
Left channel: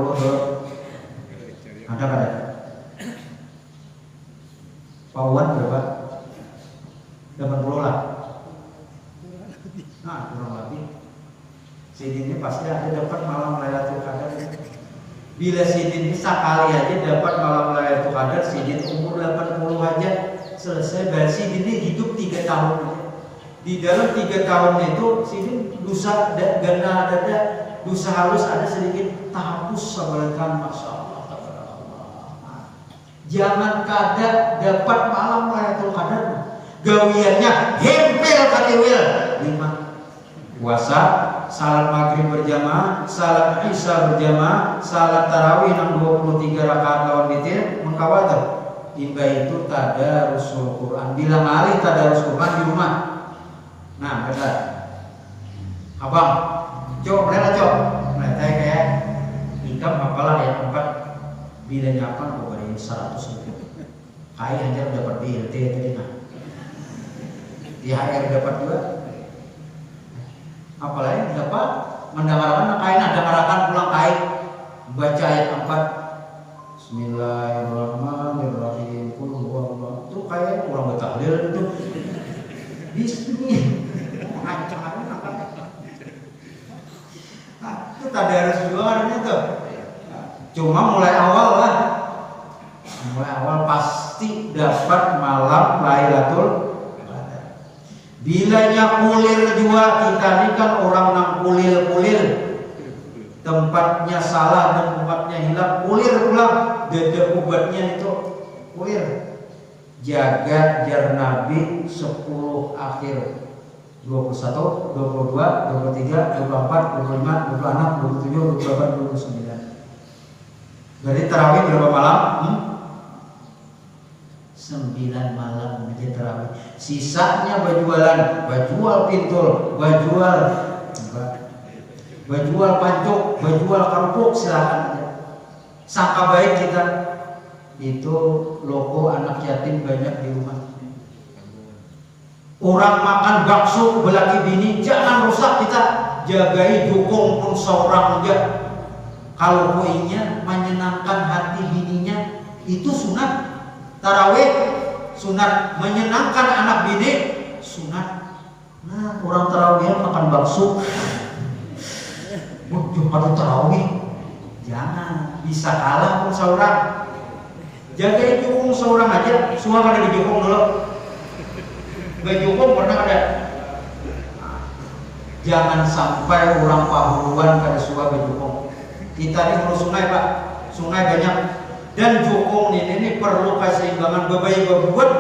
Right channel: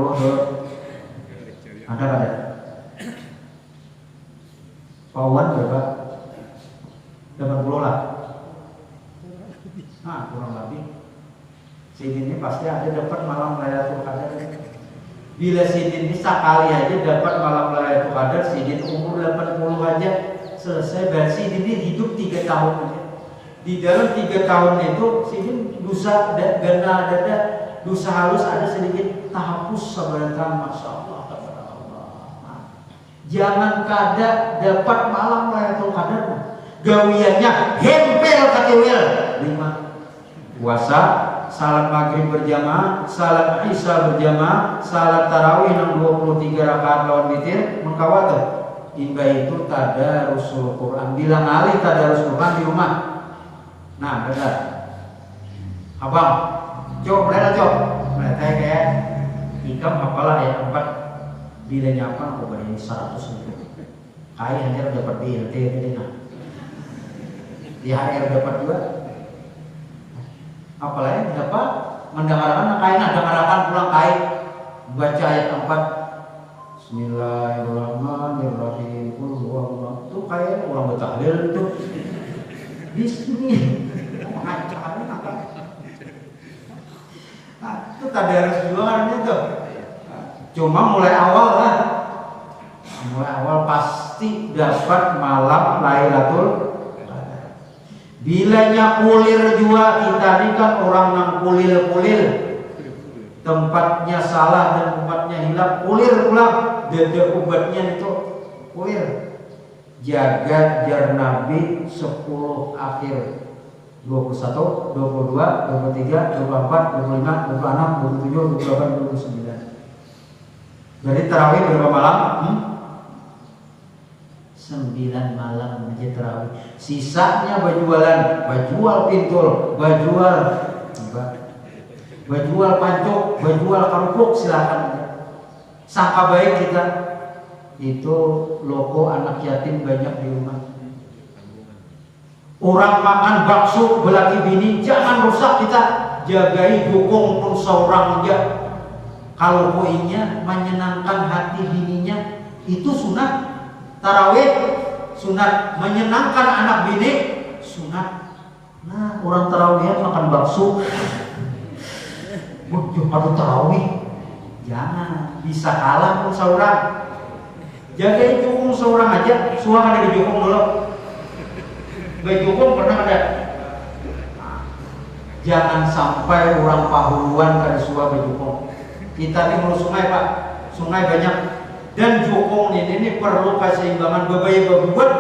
ada. Pak Wan berapa? 80 lah. Nah, kurang lebih. Sini ini pasti ada dapat malam Lailatul Qadar. Bila sini ini sekali aja dapat malam Lailatul Qadar, sini umur 80 aja selesai. Berarti ini hidup 3 tahun aja. Di dalam 3 tahun itu sini dosa gana ada dosa halus ada sedikit terhapus sebelkan, masya Allah. Nah, jangan kada dapat malam Lailatul Qadar, gawiannya hempel katiwil 5 puasa, salat maghrib berjamaah, salat isya berjamaah, salat tarawih 23 rakaat lawan witir, mengkawat imba itu tadarrusul Quran. Bilang alih tadarrusul Quran di rumah. Nah, benar. Abang, coba kayak ikam apalah ayat 4 bila nyapa kok beri 100 ribu. Hai hanya dapat BLT tadi nah. Di HR dapat juga. Apalagi dapat mendengarkan kain ada merakan pulang kain baca ayat 4 Bismillahirrahmanirrahim. Itu kayak orang bertahlil itu. Bismillah. Itu tadarus juga itu. Cuma mulai awal pasti dapat malam Lailatul Qadar. Bilanya kulir juga, kita ini kan orang yang kulir tempatnya salah dan tempatnya hilang, kulir pulang dada obatnya itu kulir. Jaga jar Nabi 10 akhir 21, 22, 23, 24, 25, 26, 27, 28, 29. Jadi tarawih berapa malam? 9 malam aja tarawih. Sisanya bajual pintul, bajual pancuk, bajual kerupuk, silakan aja. Sangka baik kita itu loko anak yatim banyak di rumah. Orang makan bakso belaki bini, jangan rusak kita. Jagai dukung pun seorang aja. Kalau poinnya menyenangkan hati bininya, itu sunat. Tarawih sunat, menyenangkan anak bini sunat. Nah, orang tarawih makan bakso, harus tarawih. Jangan, bisa kalah pun seorang. Jagai dukung seorang aja, semua ada didukung dulu. Bejukung pernah ada. Jangan sampai orang pahuluan kada suka bejukung. Kita ini mau sungai Pak, sungai banyak. Dan jukung ini perlu keseimbangan bebayi bebuat.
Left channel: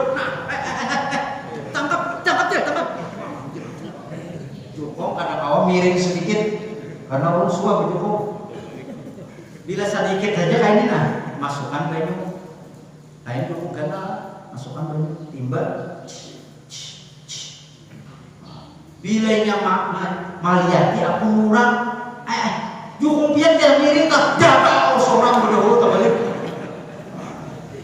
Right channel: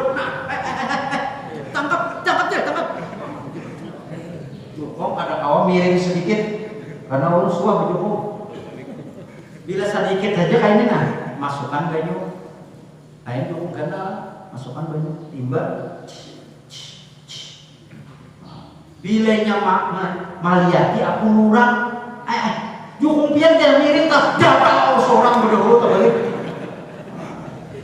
Tangkap. Jukung ada kawan miring sedikit karena orang suka bejukung. Bila sedikit aja kayak ini nah, masukkan baju. Kain jukung karena masukkan baju timba. Bilainya maliati aku murah, jukung pian jangan miring tak dapat seorang berdahulu terbalik.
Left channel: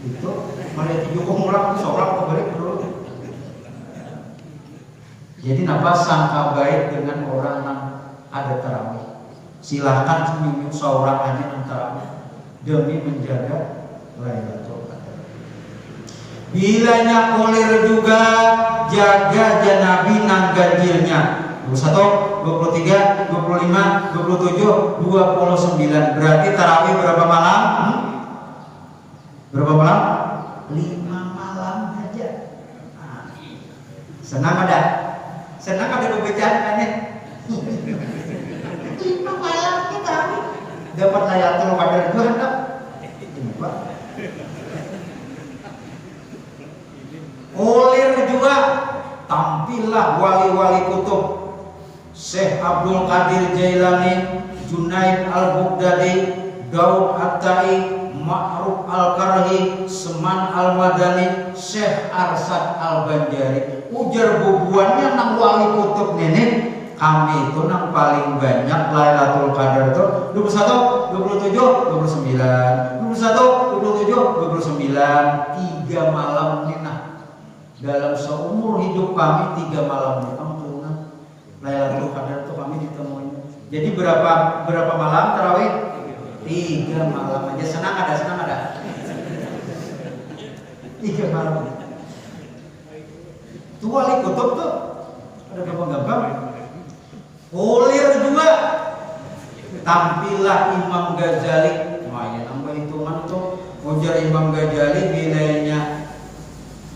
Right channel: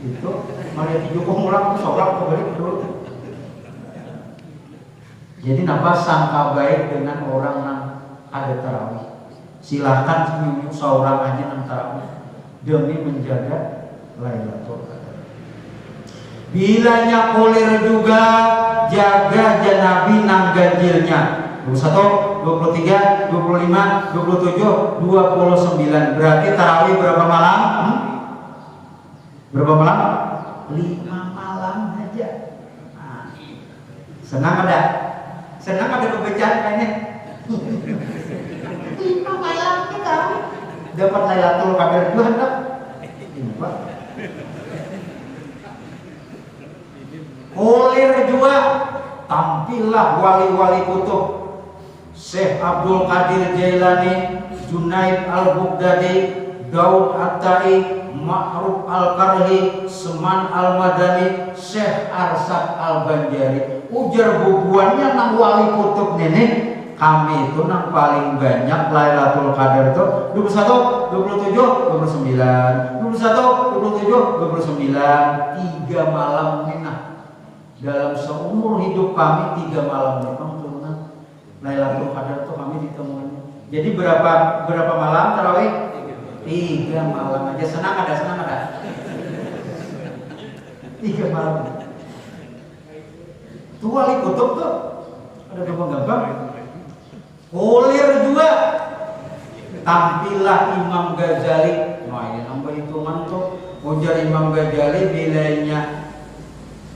Itu maliati jukung murah seorang terbalik dulu. Jadi napa sangka baik dengan orang yang ada tarawih. Silahkan senyum seorang aja yang tarawih demi menjaga Lailatul Qadar. Bilanya kulir juga jaga janabi nang ganjilnya 21, 23, 25, 27, 29. Berarti tarawih berapa malam? Berapa malam? 5 malam aja. Nah, senang ada pembacaan ini. 5 malam kita dapat Lailatul Qadar itu hendak. Ini Pak. Olir juga tampillah wali-wali kutub Syekh Abdul Qadir Jailani, Junaid Al-Baghdadi, Daud At-Tai, Ma'ruf Al-Karhi, Seman Al-Madani, Syekh Arsad Al-Banjari. Ujar bubuannya nang wali kutub nenek kami itu nang paling banyak Lailatul Qadar itu 21, 27, 29, 21, 27, 29, 3 malam nih nah. dalam seumur hidup kami 3 malam turunan Lailatul Qadar itu kami ditemuin. Jadi berapa malam tarawih? 3 malam aja. Senang ada? 3 malam. Tuh wali kutub tuh ada gampang-gampang. Kulir juga. Tampillah Imam Ghazali. Wah, ya nambah hitungan tuh. Ujar Imam Ghazali bilanya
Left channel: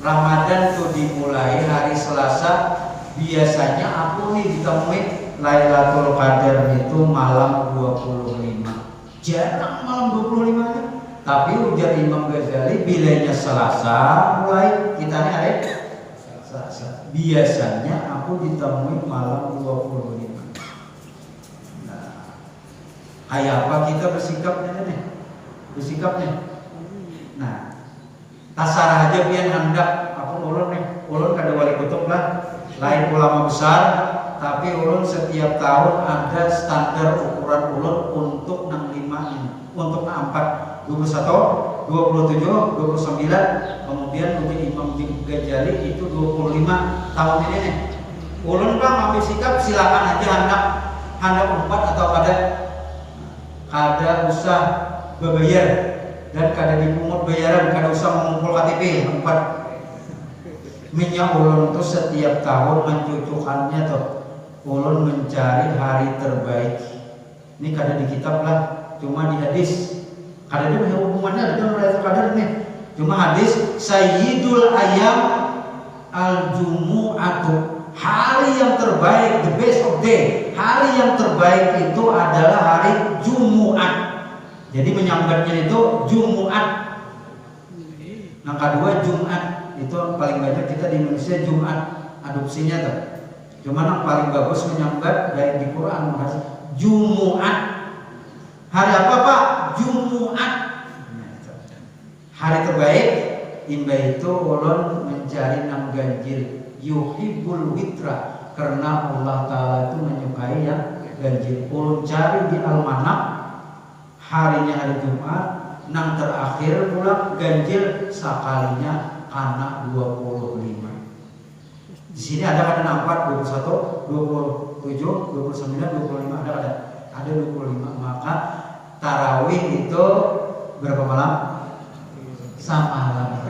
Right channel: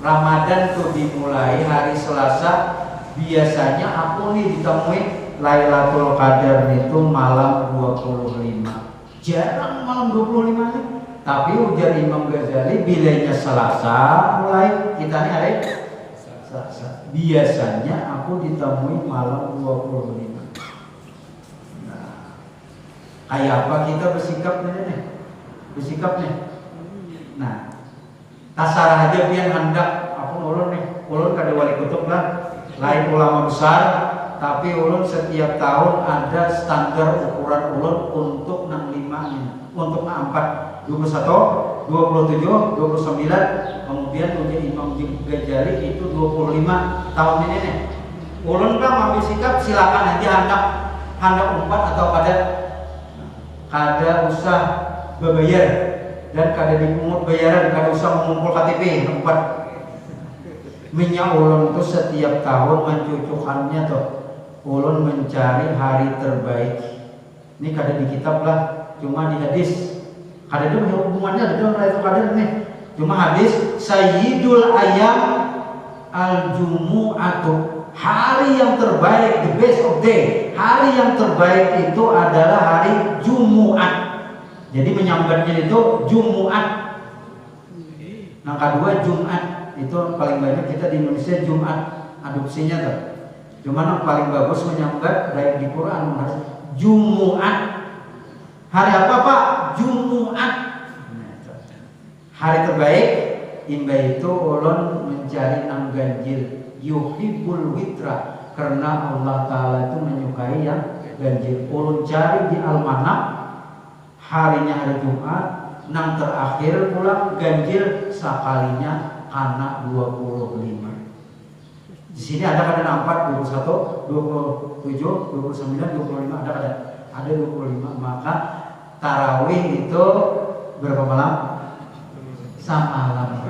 Ramadan tuh dimulai hari Selasa. Biasanya aku nih ditemuin Lailatul Qadar itu malam 25. Jarang malam 25 nih. Tapi ujar Imam Ghazali bilanya Selasa mulai kita nih hari Selasa. Biasanya aku ditemuin malam 25. Kayak apa kita bersikap nih? Bersikap nih. Nah, tasarah aja biar hendak aku ulun kada wali kutub lah, lain ulama besar, tapi ulun setiap tahun ada standar ukuran ulun untuk 65 ini, untuk 64, 21, 27, 29, kemudian menjadi Imam Ghazali itu 25 tahun ini nih. Ulun kan ambil sikap silakan aja hendak 4 atau kada usah berbayar dan kada dipungut bayaran, kada usah mengumpul KTP 4. Minyak ulun itu setiap tahun mencucukannya tuh ulun mencari hari terbaik. Ini kada di kitab lah, cuma di hadis. Kada ada hubungannya dengan Lailatul Qadar nih. Cuma hadis Sayyidul Ayyam Al-Jumu'atu, hari yang terbaik, the best of day. Hari yang terbaik itu adalah hari Jumat. Jadi menyambatnya itu Jumat. Yang kedua Jumat. Itu paling banyak kita di Indonesia Jumat adopsinya tuh. Cuma yang paling bagus menyambat baik di Quran Jumat. Hari apa Pak? Jumat. Hari terbaik imba itu ulun mencari 6 ganjil. Yuhibbul witra, karena Allah Ta'ala itu menyukai yang ganjil. Ulun cari di Al-Manaq, harinya hari Jumat. 6 terakhir pula ganjil sekalinya karena 25. Di sini ada kadang 4, 21, 27, 29, 25, ada 25. Maka tarawih itu berapa malam? Samalam.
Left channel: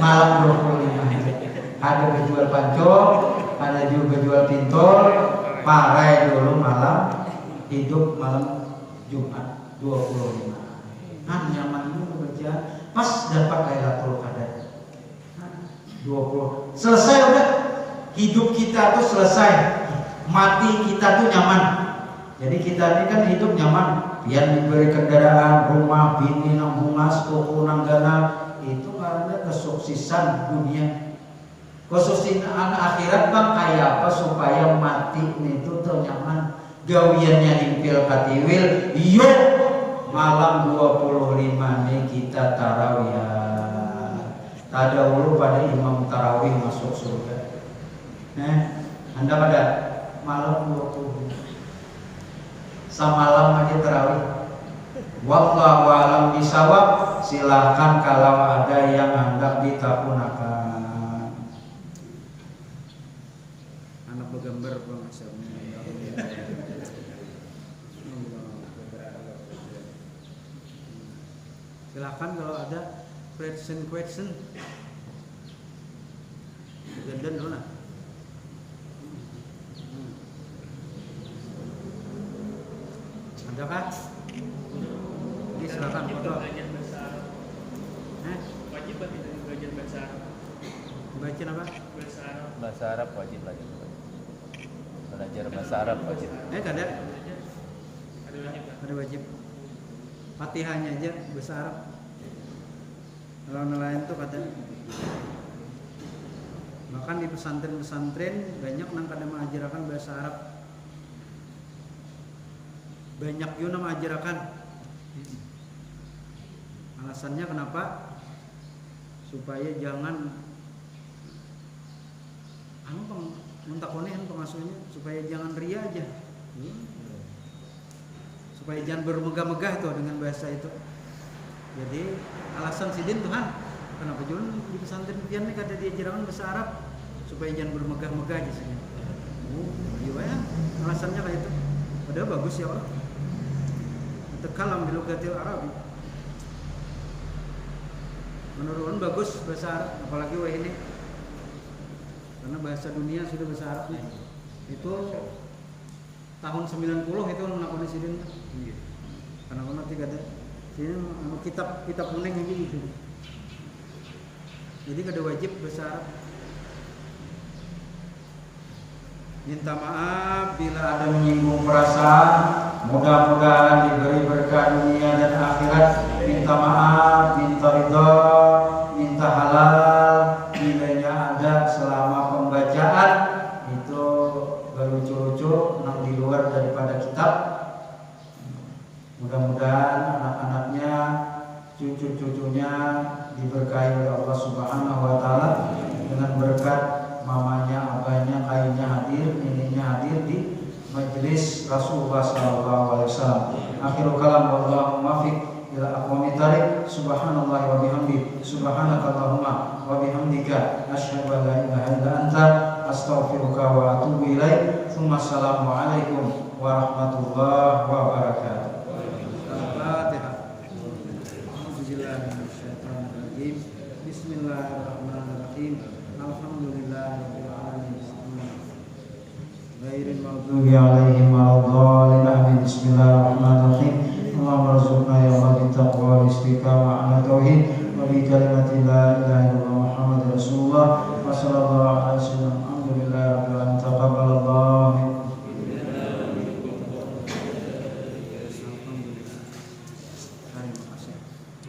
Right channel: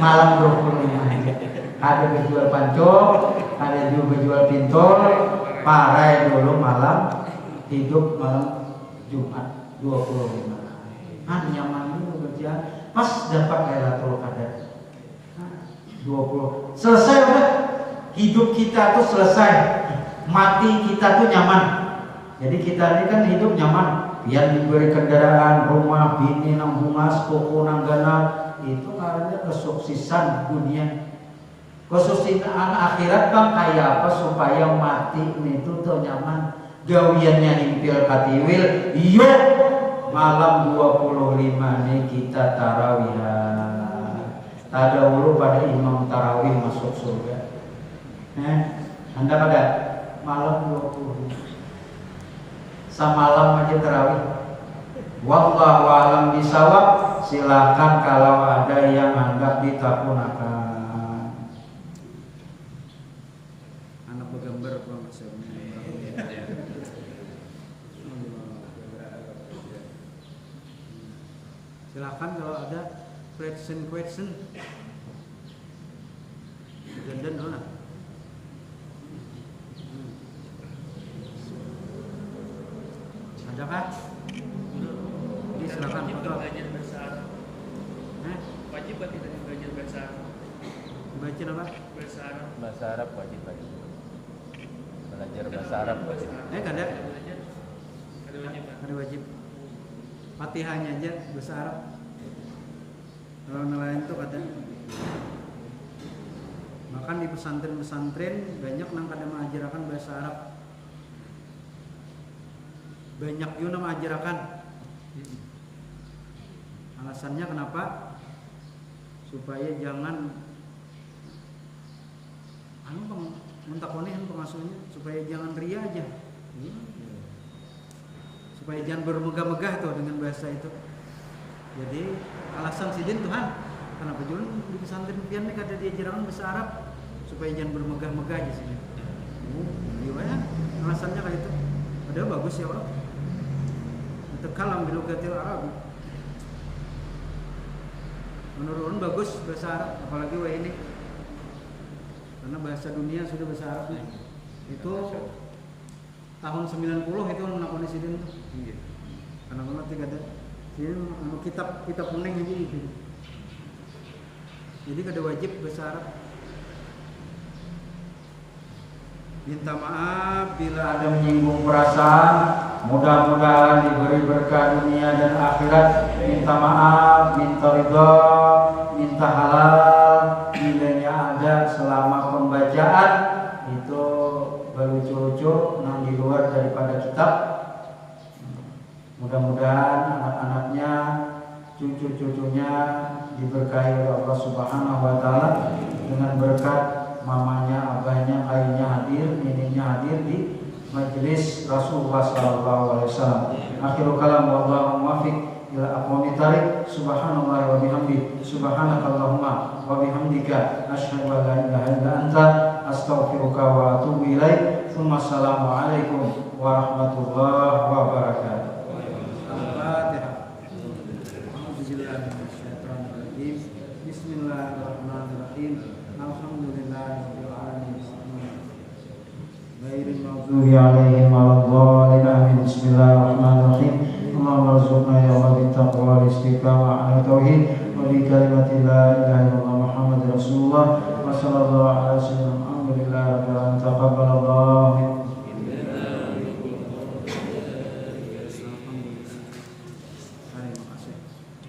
Malam 25 aja. Ada kejual pancong, ada juga jual pintol, parai dulu malam, hidup malam Jumat 25. Nyaman dulu kerja, pas dapat Lailatul Qadar 20. Selesai udah, hidup kita tuh selesai, mati kita tuh nyaman. Jadi kita ini kan hidup nyaman, biar diberi kendaraan, rumah, bini, nanggungas, toko, nanggana, itu karena kesuksesan dunia. Kesuksesan akhirat bang kayak apa supaya mati itu tuh nyaman. Gawiannya himpil katiwil, yuk malam 25 nih kita tarawih. Tadawulu pada imam tarawih masuk surga. Anda ada malam 20 samalam aja tarawih. Wallahu a'lam bishawab. Silakan kalau ada yang anggap ditakunakan. Anak bergambar Bang Asyam. Silakan kalau ada question. Dan dulu nah. Ada kah? Oke, silakan foto. Wajib bahasa Arab. Baca apa? Bahasa Arab wajib lagi. Belajar bahasa Arab wajib. Ada. Ada wajib. Fatihahnya aja bahasa Arab. Kalau nelayan tuh kata. Makan di pesantren banyak nang kada mengajarkan bahasa Arab. Banyak juga mengajarkan. Alasannya kenapa? Supaya jangan muntakonehan pengasuhnya, supaya jangan ria aja. Supaya jangan bermegah-megah tuh dengan bahasa itu. Jadi alasan sidin Tuhan Kenapa jualan di pesantren pian nih kata dia jerangan bahasa Arab supaya jangan bermegah-megah aja sini. Ayo ya, alasannya kayak itu. Padahal bagus ya Allah. Kalam bilugatil Arabi. Menurut orang bagus bahasa Arab, apalagi wah ini. Karena bahasa dunia sudah bahasa Arab nih. Itu tahun 90 itu melakukan sidin tuh. Karena nanti kata sini kitab kuning aja gitu. Jadi kada wajib bahasa Arab. Minta maaf bila ada menyinggung perasaan. Mudah-mudahan diberi berkah dunia dan akhirat. Minta maaf, minta ridho, minta halal. Bilanya ada selama pembacaan itu berlucu-lucu yang di luar daripada kitab. Mudah-mudahan anak-anaknya, cucu-cucunya diberkahi oleh Allah Subhanahu wa taala dengan berkat mamanya, abahnya, ayahnya hadir, neneknya hadir di majelis Rasulullah sallallahu alaihi wasallam. Akhirul kalam wallahu muwaffiq ila aqwamit thariq. Subhanallahi wa bihamdi, subhanakallahumma wa bihamdika asyhadu an la ilaha illa anta astaghfiruka wa atubu ilaik. Assalamu alaikum warahmatullahi wabarakatuh. Al-Fatihah. A'udzubillahi Bismillahirrahmanirrahim. Alhamdulillahirabbil alamin. Ghairil maghdubi 'alaihim waladdallin. Bismillah.